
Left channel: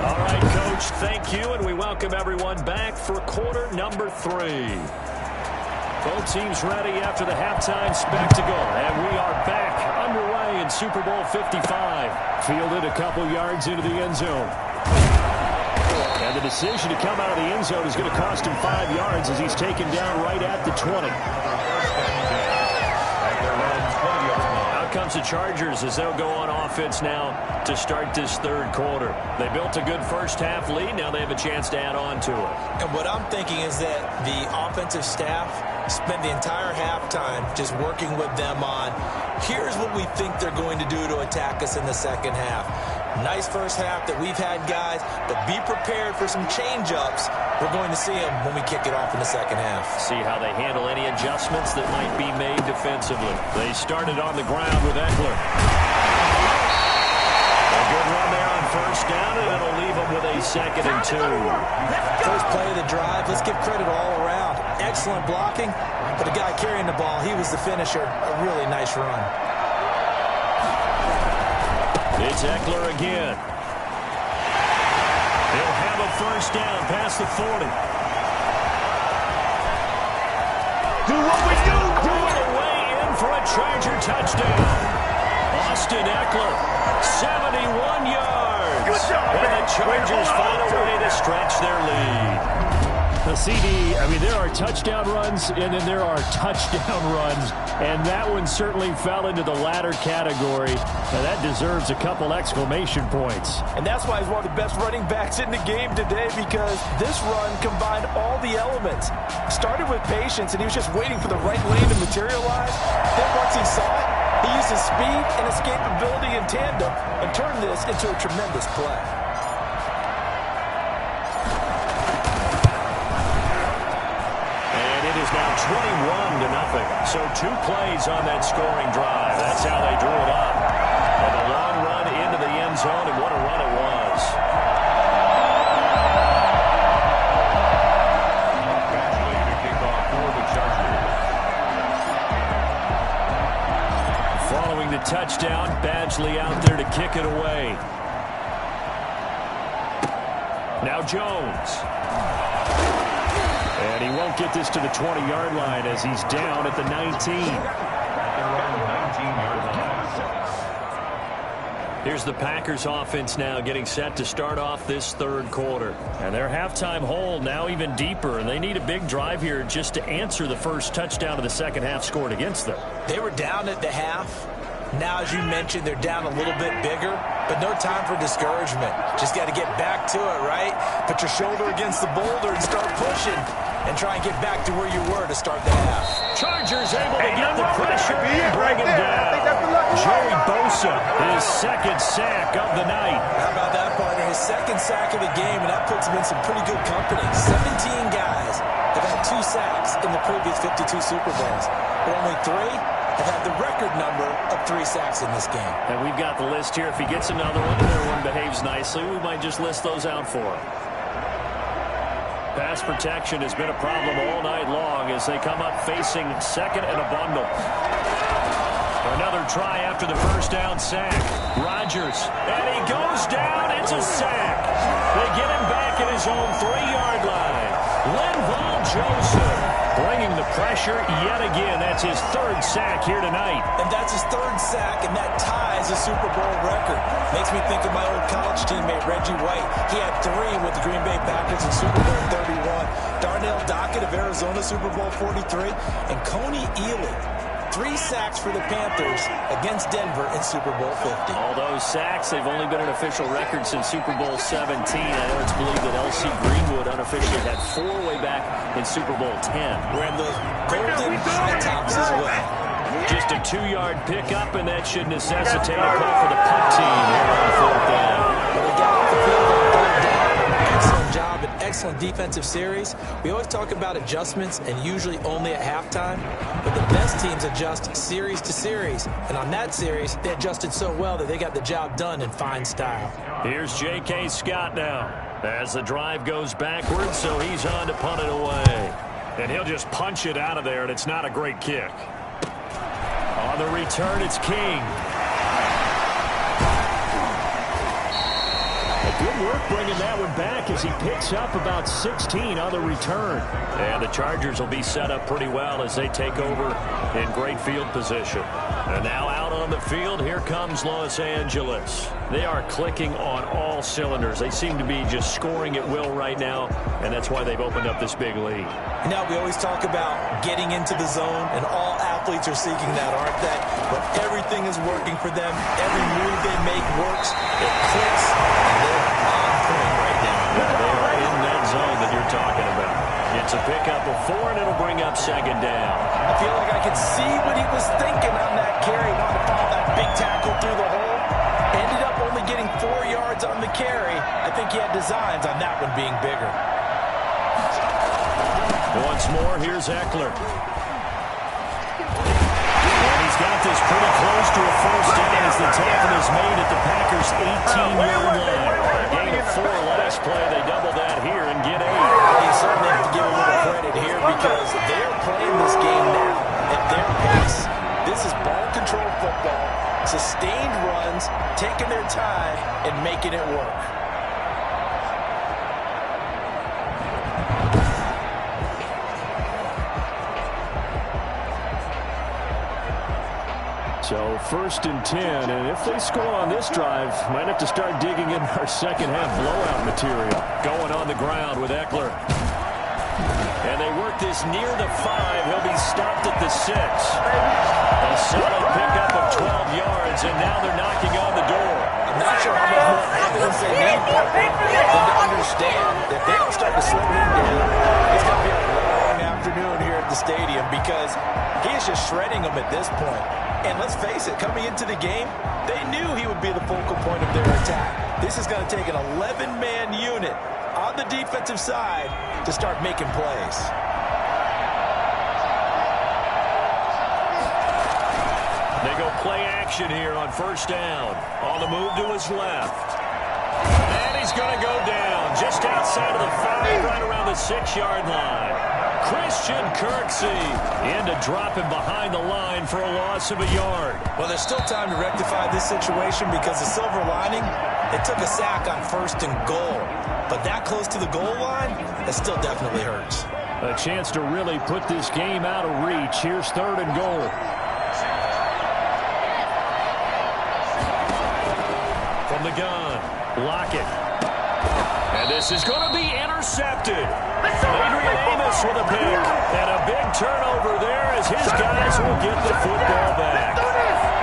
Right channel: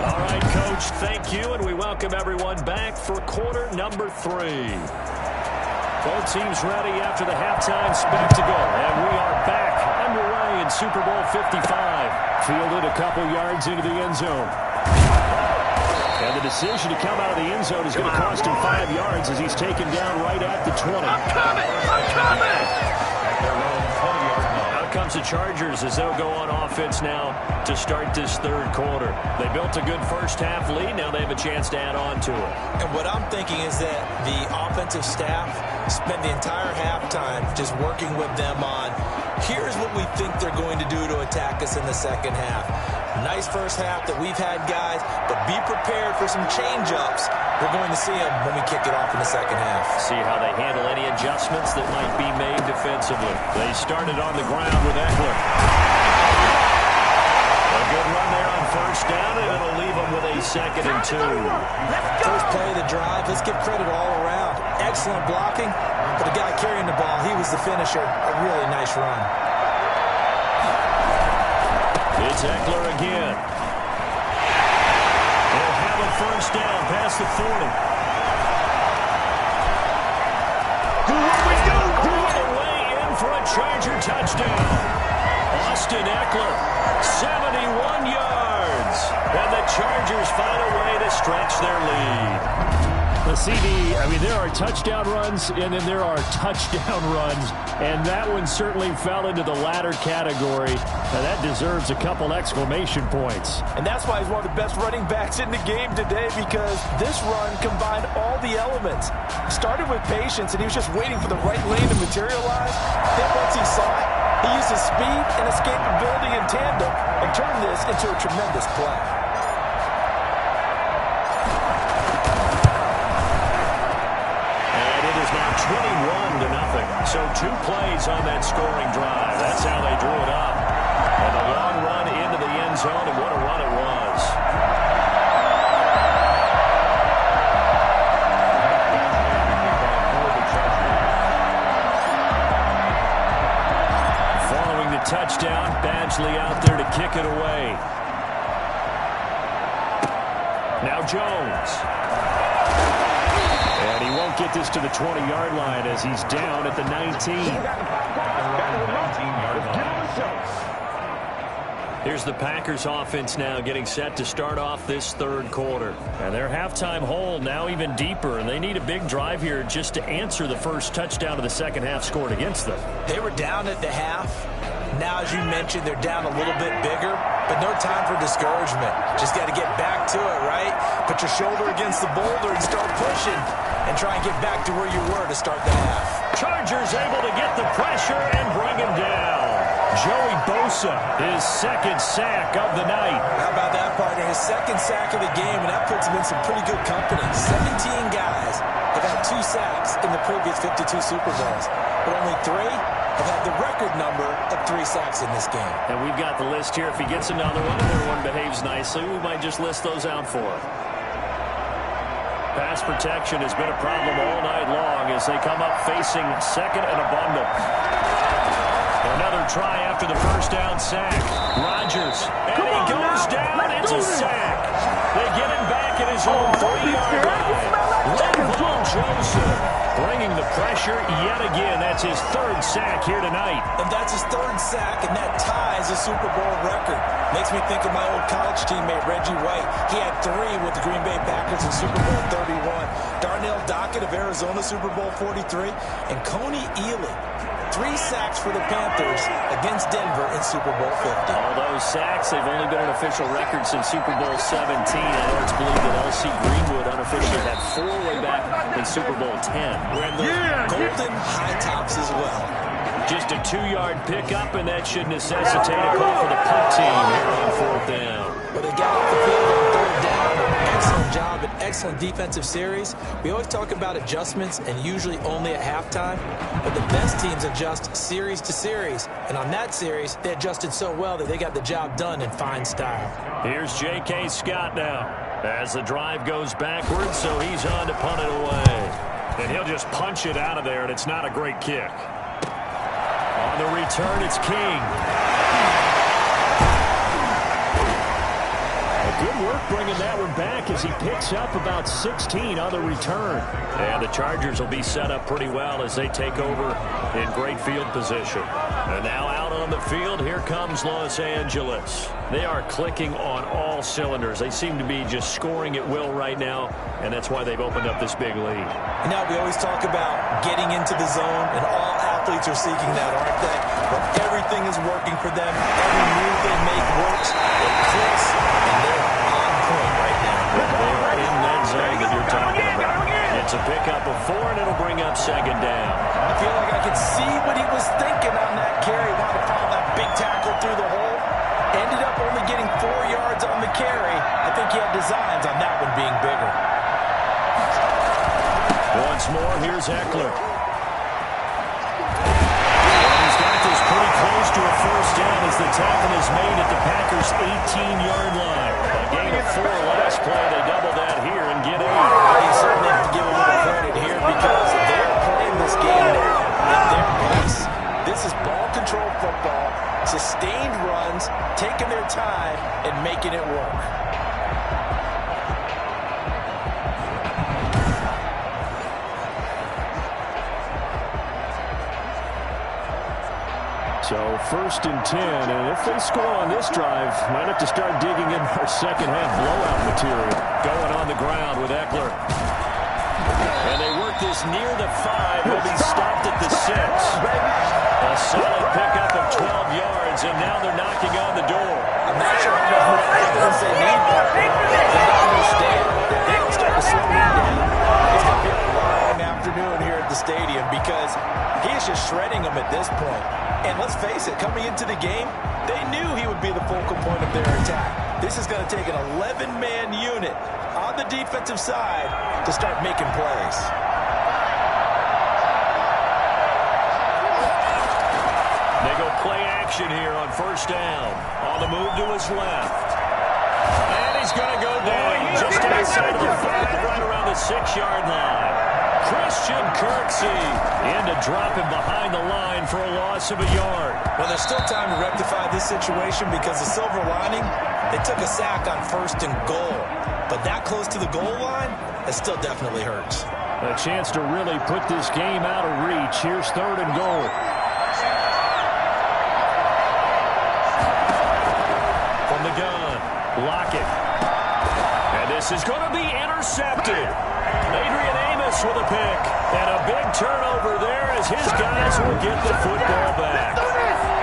All right, Coach, thank you, and we welcome everyone back for quarter number 3. Both teams ready after the halftime spectacle, and we are back underway in Super Bowl 55. Fielded a couple yards into the end zone. And the decision to come out of the end zone is going to cost him 5 yards as he's taken down right at the 20. Out comes the Chargers as they'll go on offense now to start this third quarter. They built a good first half lead. Now they have a chance to add on to it. And what I'm thinking is that the offensive staff spent the entire halftime just working with them on, here's what we think they're going to do to attack us in the second half. Nice first half that we've had, guys, but be prepared for some change-ups. We're going to see them when we kick it off in the second half. See how they handle any adjustments that might be made defensively. They started on the ground with Eckler. A good run there on first down, and it'll leave them with a 2nd and 2. First play of the drive, let's give credit all around. Excellent blocking, but the guy carrying the ball, he was the finisher. A really nice run. It's Eckler again. He'll have a first down past the 40. Do what we do. All the way in for a Charger touchdown. Austin Eckler, 71 yards. And the Chargers find a way to stretch their lead. The CD, I mean, there are touchdown runs, and then there are touchdown runs, and that one certainly fell into the latter category. Now, that deserves a couple exclamation points. And that's why he's one of the best running backs in the game today, because this run combined all the elements. Started with patience, and he was just waiting for the right lane to materialize. Then once he saw it, he used his speed and escapability in tandem and turned this into a tremendous play. It is now 21-0. So 2 plays on that scoring drive. That's how they drew it up. And a long run into the end zone, and what a run it was. To kick off for the Chargers. Following the touchdown, Badgley out there to kick it away. Now Jones. And he won't get this to the 20-yard line as he's down at the 19. Here's the Packers offense now getting set to start off this third quarter. And their halftime hole now even deeper, and they need a big drive here just to answer the first touchdown of the second half scored against them. They were down at the half. Now, as you mentioned, they're down a little bit bigger, but no time for discouragement. Just got to get back to it, right? Put your shoulder against the boulder and start pushing and try and get back to where you were to start the half. Chargers able to get the pressure and bring him down. Joey Bosa, his second sack of the night. How about that, partner? His second sack of the game, and that puts him in some pretty good company. 17 guys have had 2 sacks in the previous 52 Super Bowls, but only 3 have had the record number of 3 sacks in this game. And we've got the list here. If he gets another one and everyone behaves nicely, we might just list those out for him. Pass protection has been a problem all night long as they come up facing second and a bundle. Another try after the first down sack. Rodgers, and he goes down. It's a sack. They get him back at his own 3-yard line. Linval Joseph bringing the pressure yet again. That's his 3rd sack here tonight. And that's his 3rd sack, and that ties a Super Bowl record. Makes me think of my old college teammate, Reggie White. He had 3 with the Green Bay Packers in Super Bowl 31. Darnell Dockett of Arizona, Super Bowl 43. And Coney Ealy, 3 sacks for the Panthers against Denver in Super Bowl 50. All those sacks, they've only been an official record since Super Bowl 17. I know it's believed that L.C. Greenwood unofficially had 4 way back in Super Bowl 10. Wearing those golden high tops as well. Just a 2-yard pickup, and that should necessitate a call for the punt team here on 4th down. But they got off the field on 3rd down. Excellent job and excellent defensive series. We always talk about adjustments and usually only at halftime, but the best teams adjust series to series. And on that series, they adjusted so well that they got the job done in fine style. Here's J.K. Scott now as the drive goes backwards, so he's on to punt it away. And he'll just punch it out of there, and it's not a great kick. On the return, it's King. Good work bringing that one back as he picks up about 16 on the return. And the Chargers will be set up pretty well as they take over in great field position. And now out on the field, here comes Los Angeles. They are clicking on all cylinders. They seem to be just scoring at will right now, and that's why they've opened up this big lead. You know, we always talk about getting into the zone, and all athletes are seeking that, aren't they? But everything is working for them. Every move they make works. It clicks, and they're on point right now. Yeah, they are in that zone that you're talking about. It's a pickup of 4, and it'll bring up 2nd down. I feel like I could see what he was thinking on that carry. Wanted to follow that big tackle through the hole. Ended up only getting 4 yards on the carry. I think he had designs on that one being bigger. Once more, here's Eckler. And he's got this pretty close to a 1st down as the tackle is made at the Packers' 18-yard line. A gain of 4 last play. They double that here and get 8. You certainly have to give a little credit here because they're playing this game now at their pace. This is ball control football, sustained runs, taking their time, and making it work. So 1st and 10, and if they score on this drive, might have to start digging in our second-half blowout material. Going on the ground with Eckler. And they work this near the 5. He'll be stopped at the 6. A solid pickup of 12 yards, and now they're knocking on the door. I'm not sure how much more evidence they need for them to understand that they don't start to slow him down. It's going to be a long afternoon here at the stadium because he is just shredding them at this point. And let's face it, coming into the game, they knew he would be the focal point of their attack. This is going to take an 11-man unit on the defensive side to start making plays. They go play action here on 1st down. On the move to his left. And he's going to go down just outside of the 5, right around the 6-yard line. Christian Kirksey in to drop him behind the line for a loss of a yard. Well, there's still time to rectify this situation because the silver lining, they took a sack on 1st and goal. But that close to the goal line, it still definitely hurts. A chance to really put this game out of reach. Here's 3rd and goal. From the gun, Lockett. And this is going to be intercepted. Adrian Amos with a pick. And a big turnover there as his guys will get the football back.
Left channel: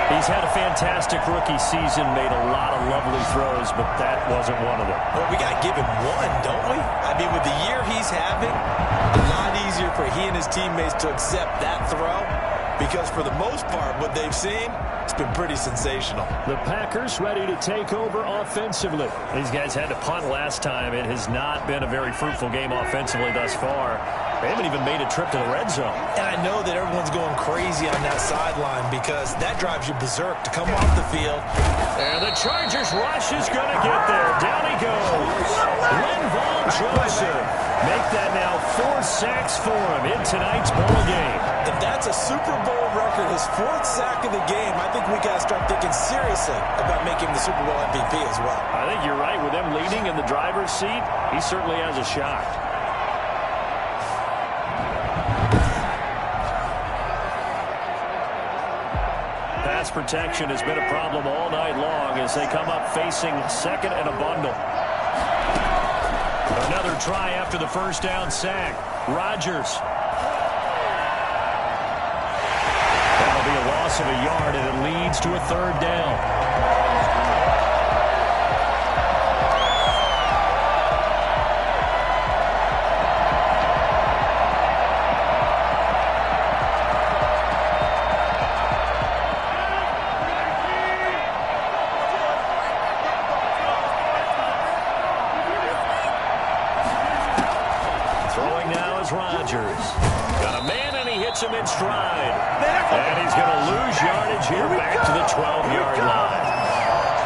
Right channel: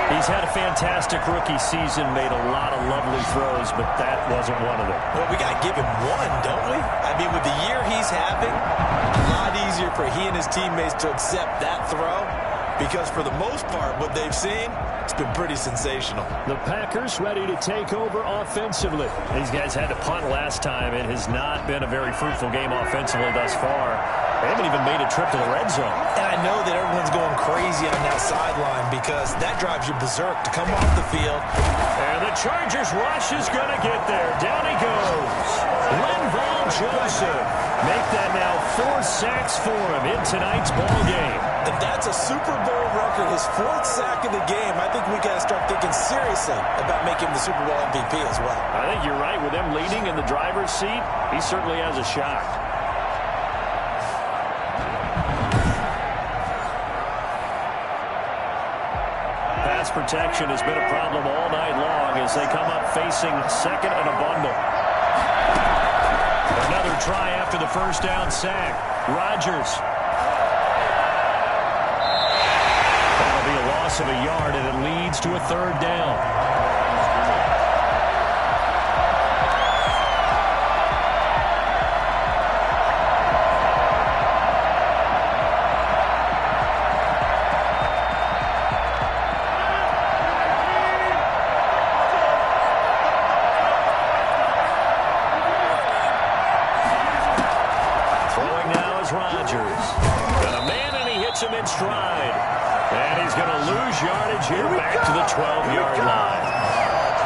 He's had a fantastic rookie season, made a lot of lovely throws, but that wasn't one of them. Well, we got to give him one, don't we? I mean, with the year he's having, a lot easier for he and his teammates to accept that throw, because for the most part, what they've seen, it's been pretty sensational. The Packers ready to take over offensively. These guys had to punt last time. It has not been a very fruitful game offensively thus far. They haven't even made a trip to the red zone. And I know that everyone's going crazy on that sideline because that drives you berserk to come off the field. And the Chargers rush is going to get there. Down he goes. Linval Joseph. Make that now 4 sacks for him in tonight's ball game. And that's a Super Bowl record, his 4th sack of the game. I think we got to start thinking seriously about making the Super Bowl MVP as well. I think you're right. With them leading in the driver's seat, he certainly has a shot. Pass protection has been a problem all night long as they come up facing second and a bundle. Another try after the first down sack. Rodgers. That'll be a loss of a yard, and it leads to a 3rd down. Rodgers. Got a man, and he hits him in stride. And he's going to lose yardage here back to the 12-yard line.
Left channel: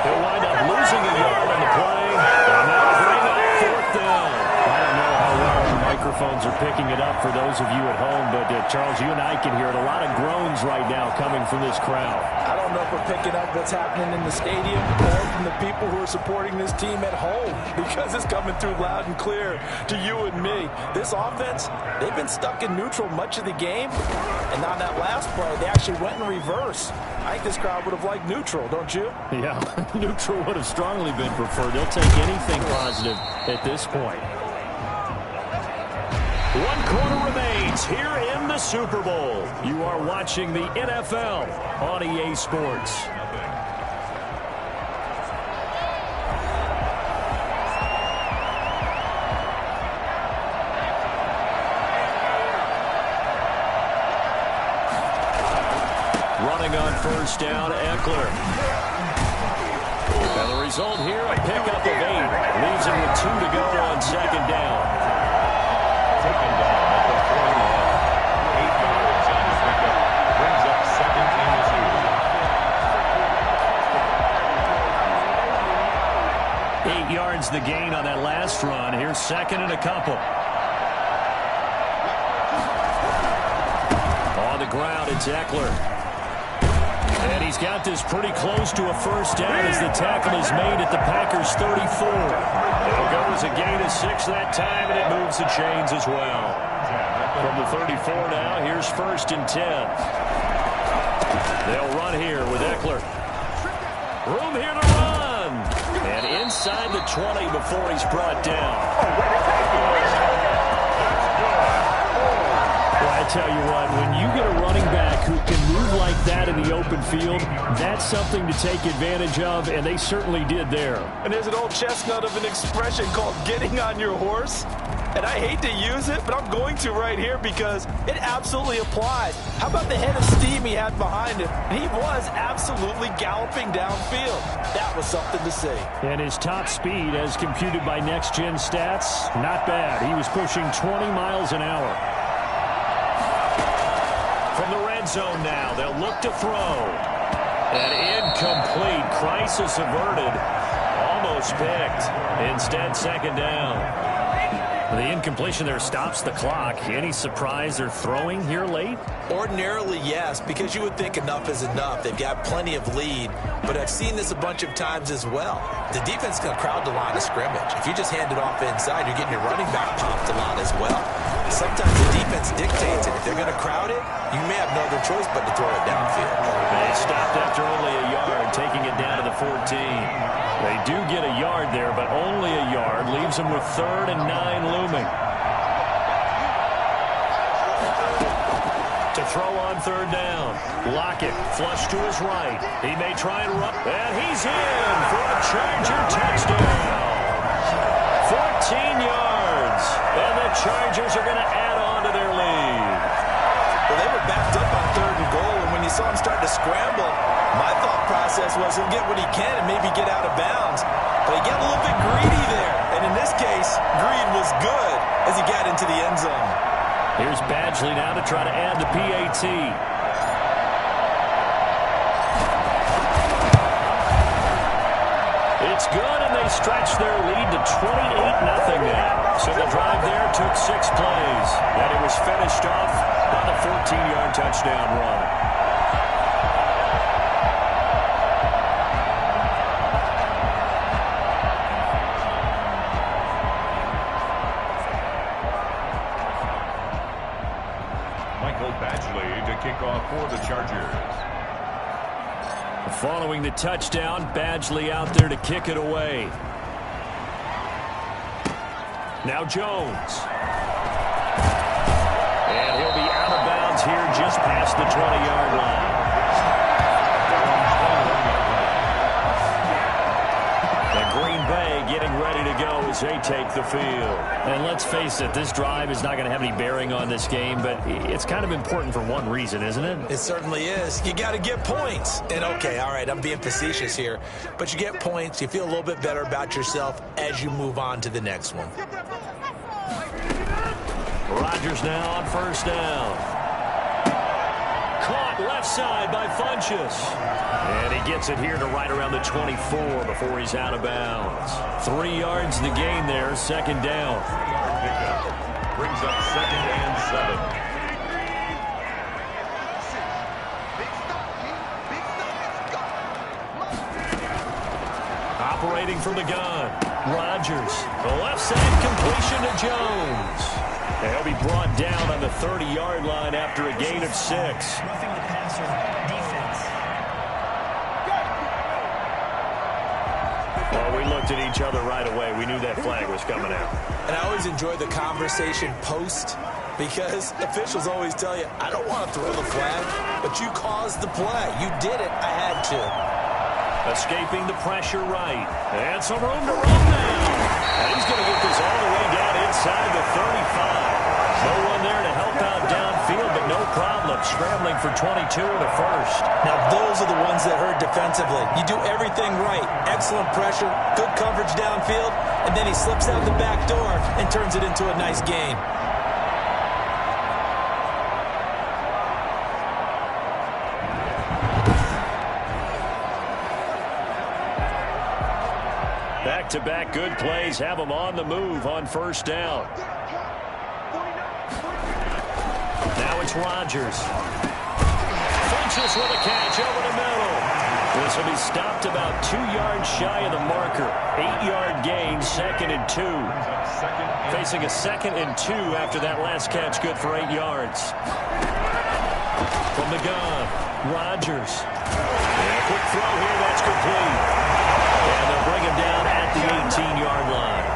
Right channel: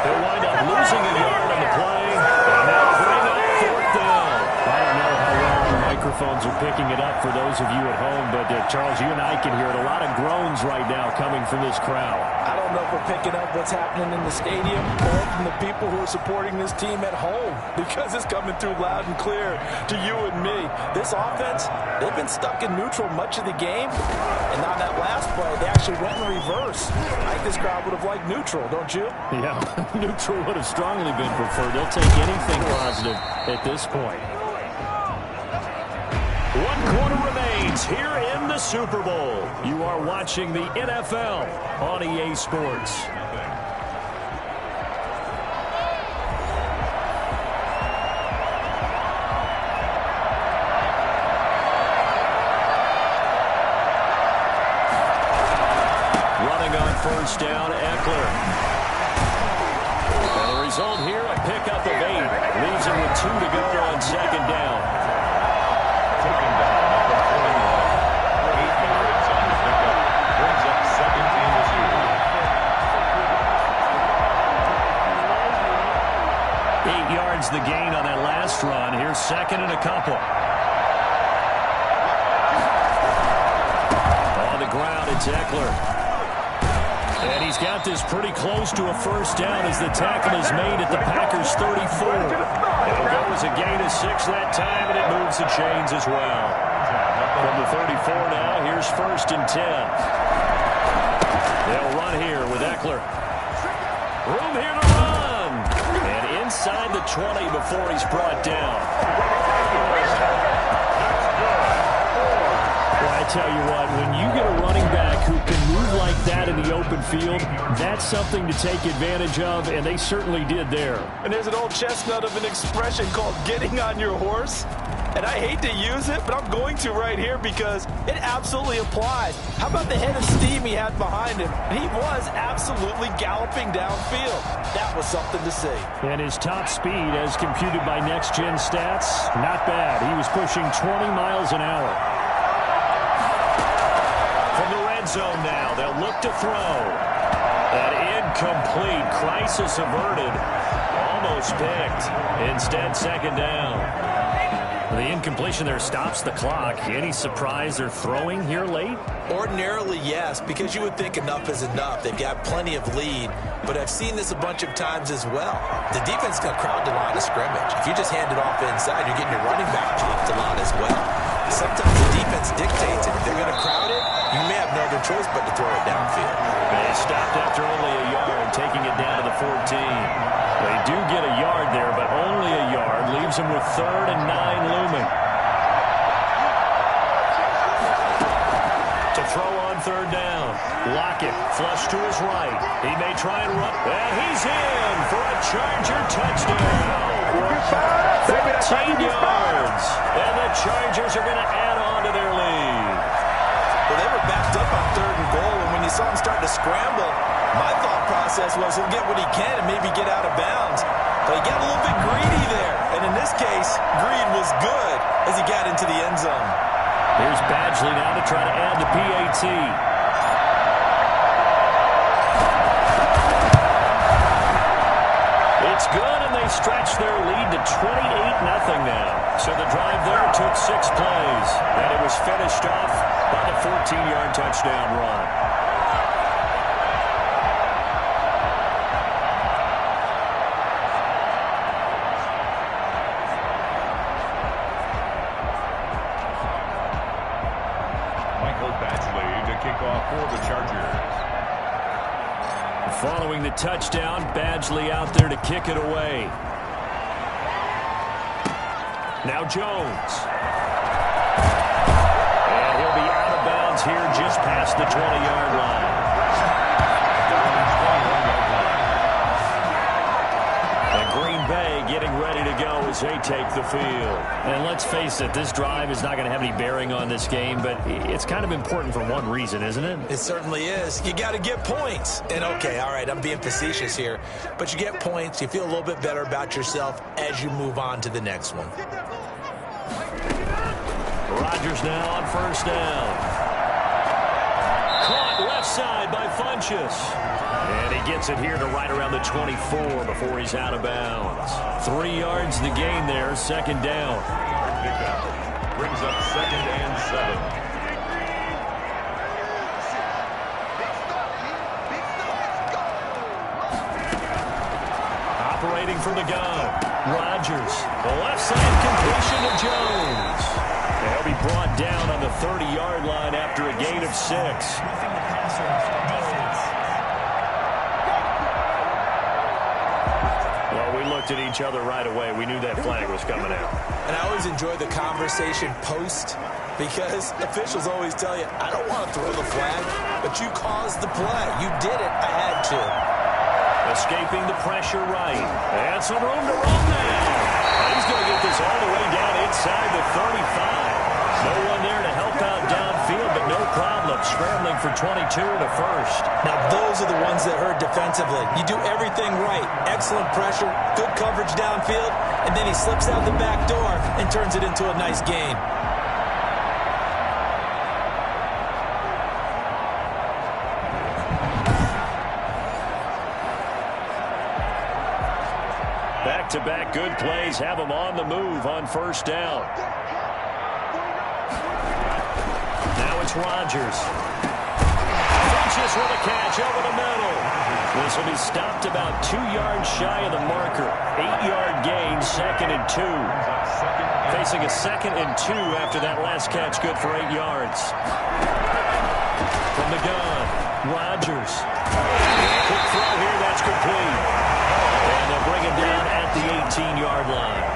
He'll wind up losing a yard on the play. And that'll bring up 4th down. I don't know how well our microphones are picking it up for those of you at home, but Charles, you and I can hear it. A lot of groans right now coming from this crowd. I don't know if we're picking up what's happening in the stadium or from the people who are supporting this team at home, because it's coming through loud and clear to you and me. This offense, they've been stuck in neutral much of the game, and on that last play, they actually went in reverse. I think this crowd would have liked neutral, don't you? Yeah, neutral would have strongly been preferred. They'll take anything positive at this point. 1 quarter remains here in the Super Bowl. You are watching the NFL on EA Sports. Running on first down, Eckler. And the result here, a pickup of 8. Leaves him with 2 to go on 2nd down. Taken down at the 41. 8 yards on the pickup. Brings up 2nd and 2. 8 yards the gain on that last run. Here's 2nd and a couple. On the ground, it's Eckler. And he's got this pretty close to a first down as the tackle is made at the Packers' 34. It'll go as a gain of 6 that time, and it moves the chains as well. From the 34 now, here's 1st and 10. They'll run here with Eckler. Room here to run. And inside the 20 before he's brought down. Well, I tell you what, when you get a running back who can move like that in the open field, that's something to take advantage of, and they certainly did there. And there's an old chestnut of an expression called getting on your horse. And I hate to use it, but I'm going to right here because it absolutely applies. How about the head of steam he had behind him? He was absolutely galloping downfield. That was something to see. And his top speed, as computed by Next Gen Stats, not bad. He was pushing 20 miles an hour. From the red zone now, they'll look to throw. And incomplete. Crisis averted. Almost picked. Instead, 2nd down. The incompletion there stops the clock. Any surprise they're throwing here late? Ordinarily, yes, because you would think enough is enough. They've got plenty of lead, but I've seen this a bunch of times as well. The defense can crowd the line of scrimmage. If you just hand it off inside, you're getting your running back popped a lot as well. Sometimes the defense dictates it. If they're going to crowd it, you may have no other choice but to throw it downfield. They stopped after only a yard, taking it down to the 14. They do get a yard there, but only a yard. Leaves them with 3rd and 9 looming. To throw on third down. Lockett, flush to his right. He may try and run. And he's in for a Charger touchdown. 14 yards. And the Chargers are going to add on to their lead. Well, they were backed up on 3rd and goal, and when you saw him start to scramble, my thought process was he'll get what he can and maybe get out of bounds. But he got a little bit greedy there. And in this case, greed was good as he got into the end zone. Here's Badgley now to try to add the PAT. It's good, and they stretch their lead to 28-0 now. So the drive there took 6 plays, and it was finished off by the 14-yard touchdown run. Badgley to kick off for the Chargers. Following the touchdown, Badgley out there to kick it away. Now Jones. And he'll be out of bounds here just past the 20-yard line. And Green Bay getting ready to go as they take the field. And let's face it, this drive is not going to have any bearing on this game, but it's kind of important for one reason, isn't it? It certainly is. You got to get points. And okay, all right, I'm being facetious here, but you get points, you feel a little bit better about yourself as you move on to the next one. Rodgers now on first down. Caught left side by Funchess. And he gets it here to right around the 24 before he's out of bounds. 3 yards the gain there, second down. 3-yard pickup. Brings up 2nd and 7. Operating from the gun. Rodgers. The left side completion to Jones. And he'll be brought down on the 30-yard line after a gain of 6. Roughing the passer defense. Well, we looked at each other right away. We knew that flag was coming out. And I always enjoy the conversation post because officials always tell you, I don't want to throw the flag, but you caused the play. You did it. I had to. Escaping the pressure right. And some room to run now. And he's going to get this all the way down inside the 35. No one there to help out downfield, but no problem. Scrambling for 22 in the first. Now, those are the ones that hurt defensively. You do everything right. Excellent pressure, good coverage downfield, and then he slips out the back door and turns it into a nice gain. Back-to-back good plays have him on the move on first down. Now it's Rodgers. Funchess with a catch over the middle. This will be stopped about 2 yards shy of the marker. 8-yard gain, 2nd and 2. Facing a 2nd and 2 after that last catch, good for 8 yards. From the gun, Rodgers. And a quick throw here, that's complete. And they'll bring him down at the 18-yard line.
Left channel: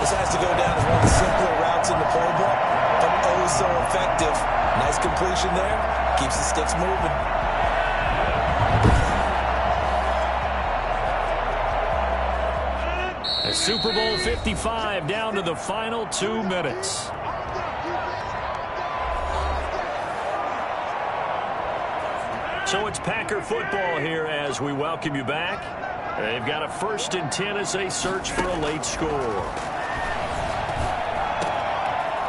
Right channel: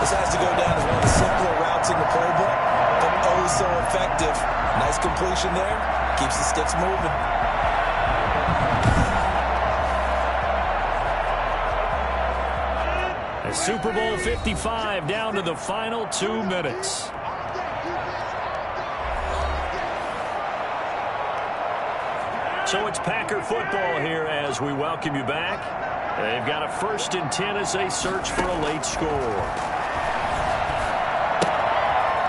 This has to go down as one of the simpler routes in the playbook, but oh so effective. Nice completion there. Keeps the sticks moving. A Super Bowl 55 down to the final 2 minutes. So it's Packer football here as we welcome you back. They've got a 1st and 10 as they search for a late score.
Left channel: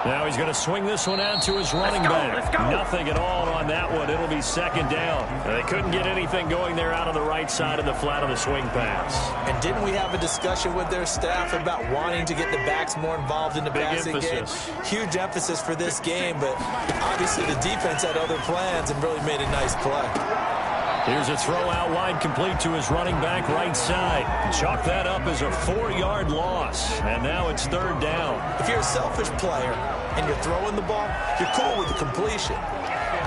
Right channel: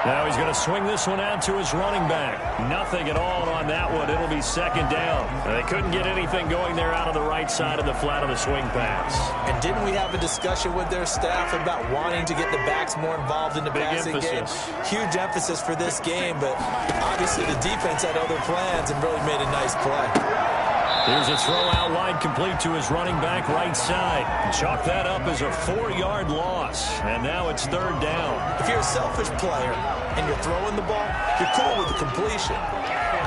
Now he's going to swing this one out to his running back. Nothing at all on that one. It'll be 2nd down. They couldn't get anything going there out of the right side of the flat of the swing pass. And didn't we have a discussion with their staff about wanting to get the backs more involved in the passing game? Huge emphasis for this game, but obviously the defense had other plans and really made a nice play. Here's a throw out wide complete to his running back right side. Chalk that up as a 4-yard loss. And now it's 3rd down. If you're a selfish player and you're throwing the ball, you're cool with the completion.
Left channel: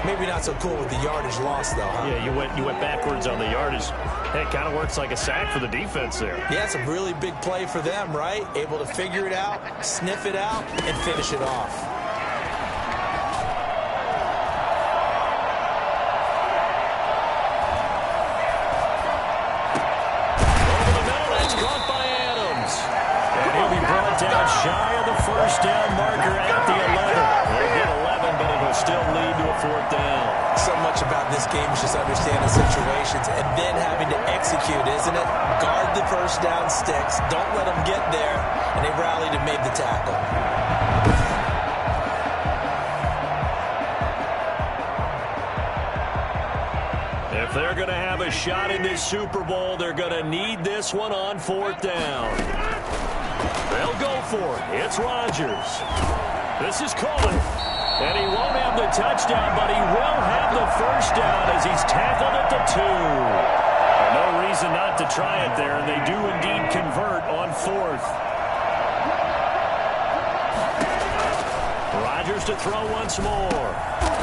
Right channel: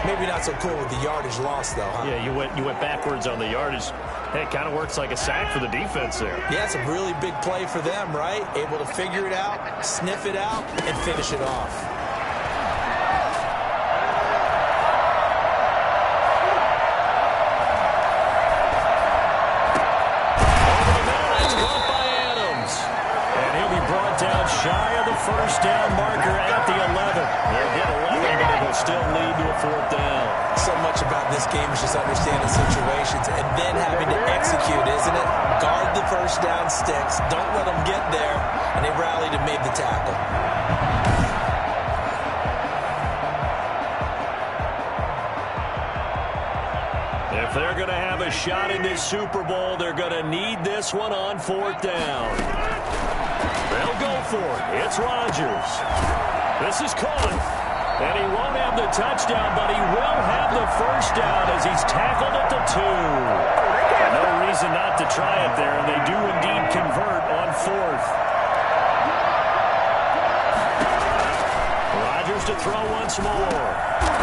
Maybe not so cool with the yardage loss, though, huh? Yeah, you went backwards on the yardage. Hey, it kind of works like a sack for the defense there. Yeah, it's a really big play for them, right? Able to figure it out, sniff it out, and finish it off. shy of the first down marker at the 11. They'll get 11, but it'll still lead to a 4th down. So much about this game is just understanding situations and then having to execute, isn't it? Guard the first down sticks. Don't let them get there. And they rallied and made the tackle. If they're going to have a shot in this Super Bowl, they're going to need this one on 4th down. They'll go for it. It's Rodgers. This is caught. And he won't have the touchdown, but he will have the first down as he's tackled at the 2. And no reason not to try it there, and they do indeed convert on 4th. Rodgers to throw once more.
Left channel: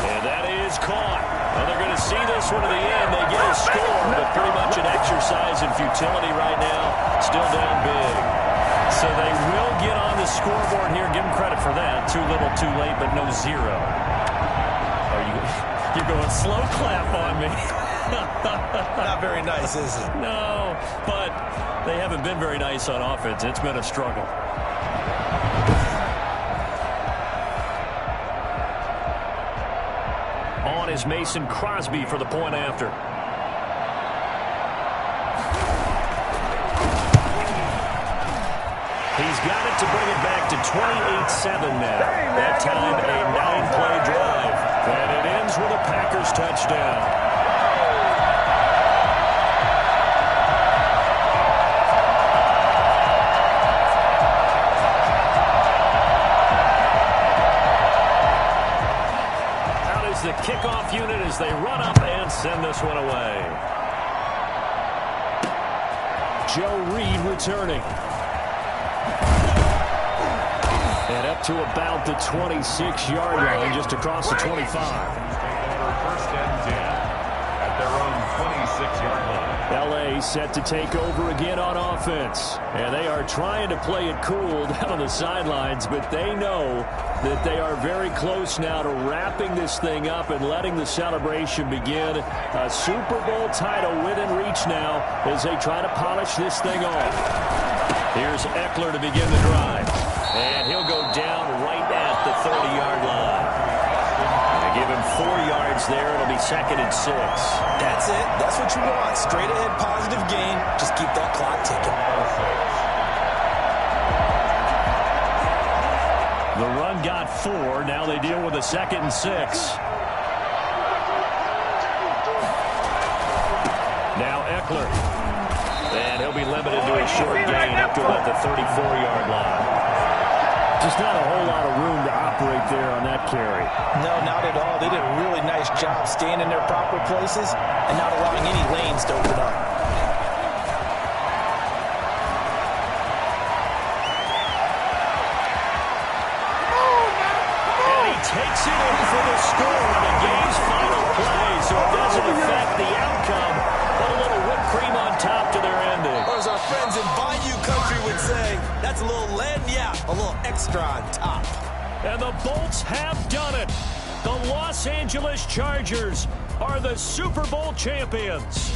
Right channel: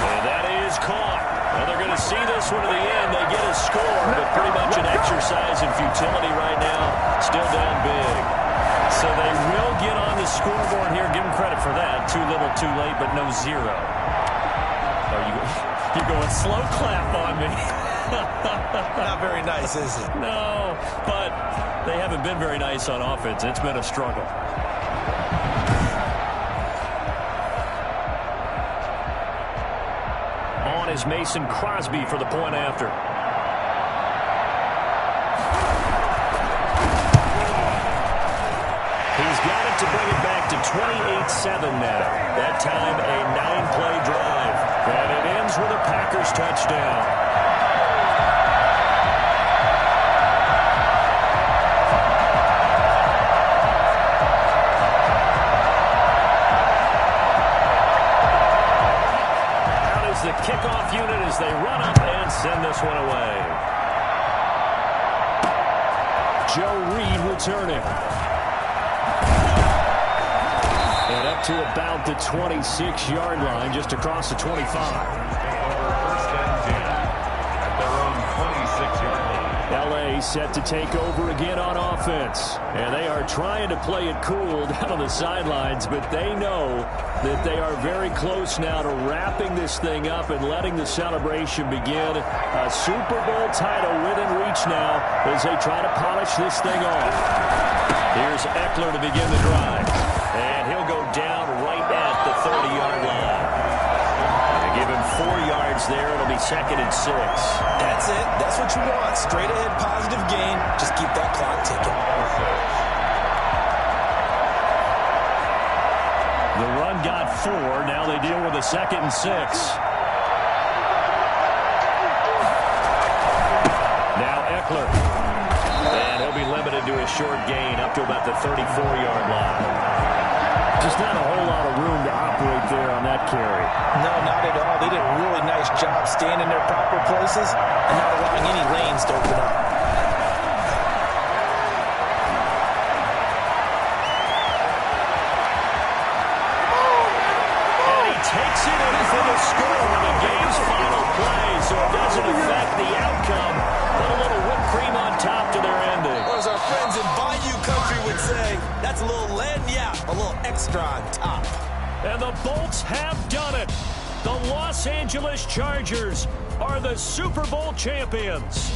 And that is caught. Well, they're going to see this one to the end. They get a score, but pretty much an exercise in futility right now. Still down big. So they will get on the scoreboard here. Give them credit for that. Too little, too late, but no 0. Oh, you're going slow clap on me. Not very nice, is it? No, but they haven't been very nice on offense. It's been a struggle. On is Mason Crosby for the point after. He's got it to bring it back to 28-7 now. That time a 9-play drive. And it ends with a Packers touchdown. Out is the kickoff unit as they run up and send this one away. Joe Reed returning. And up to about the 26-yard line, just across the 25. Take over 1st and 10 at their own 26-yard line. L.A. set to take over again on offense. And they are trying to play it cool down on the sidelines, but they know that they are very close now to wrapping this thing up and letting the celebration begin. A Super Bowl title within reach now as they try to polish this thing off. Here's Eckler to begin the drive. And he'll go down right at the 30-yard line. They give him 4 yards there. It'll be 2nd and 6. That's it. That's what you want. Straight ahead, positive gain. Just keep that clock ticking. The run got 4. Now they deal with a 2nd and 6. Now Eckler. And he'll be limited to a short gain up to about the 34-yard line. Just not a whole lot of room to operate there on that carry. No, not at all. They did a really nice job staying in their proper places and not allowing any lanes to open up. And he takes it in for the score on the game's final play, so it doesn't affect the outcome. Put a little whipped cream on top to their ending. Or as our friends in Bayou Country would say, that's a little lagniappe, a little extra on top. And the Bolts have done it. The Los Angeles Chargers are the Super Bowl champions.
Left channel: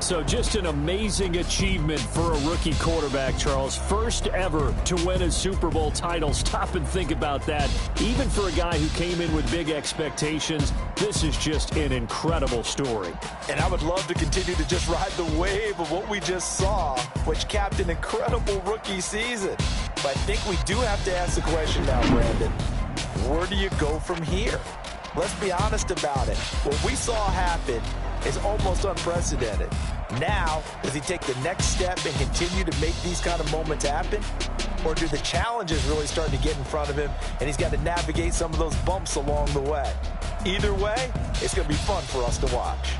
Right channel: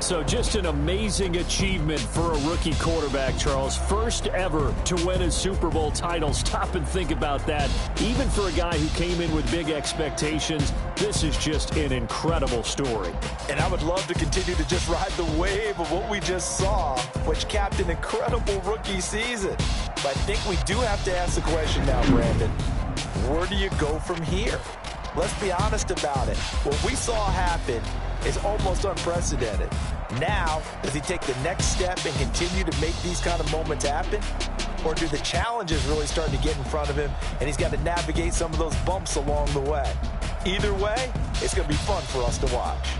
So just an amazing achievement for a rookie quarterback, Charles. First ever to win a Super Bowl title. Stop and think about that. Even for a guy who came in with big expectations, this is just an incredible story. And I would love to continue to just ride the wave of what we just saw, which capped an incredible rookie season. But I think we do have to ask the question now, Brandon. Where do you go from here? Let's be honest about it. What we saw happen is almost unprecedented. Now, does he take the next step and continue to make these kind of moments happen? Or do the challenges really start to get in front of him and he's got to navigate some of those bumps along the way? Either way, it's going to be fun for us to watch.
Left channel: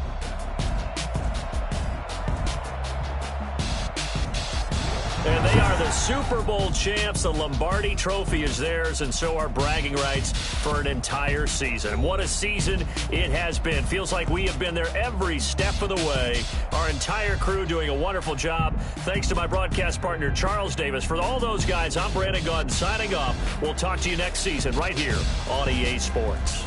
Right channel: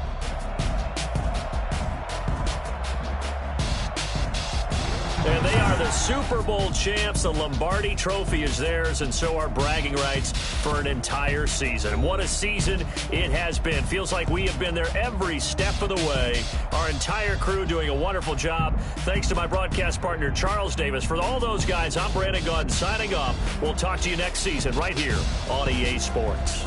And they are the Super Bowl champs. The Lombardi Trophy is theirs, and so are bragging rights for an entire season. And what a season it has been. Feels like we have been there every step of the way. Our entire crew doing a wonderful job. Thanks to my broadcast partner, Charles Davis. For all those guys, I'm Brandon Gaudin signing off. We'll talk to you next season right here on EA Sports.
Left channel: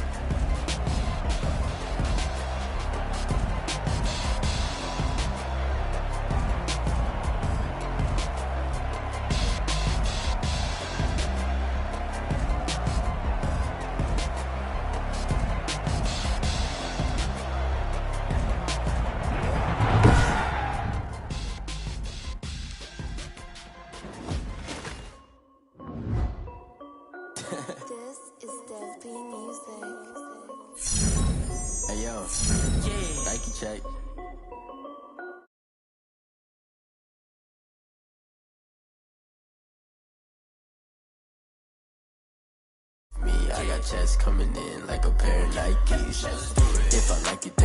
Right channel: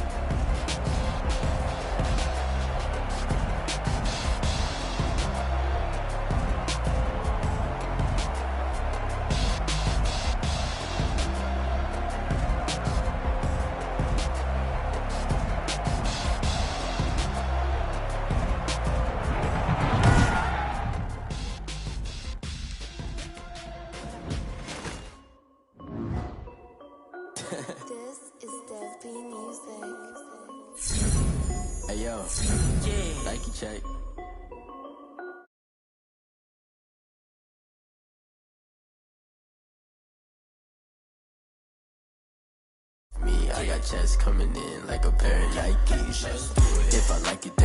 Nike check. Me, I got checks coming in like a pair of Nikes. If I like it, then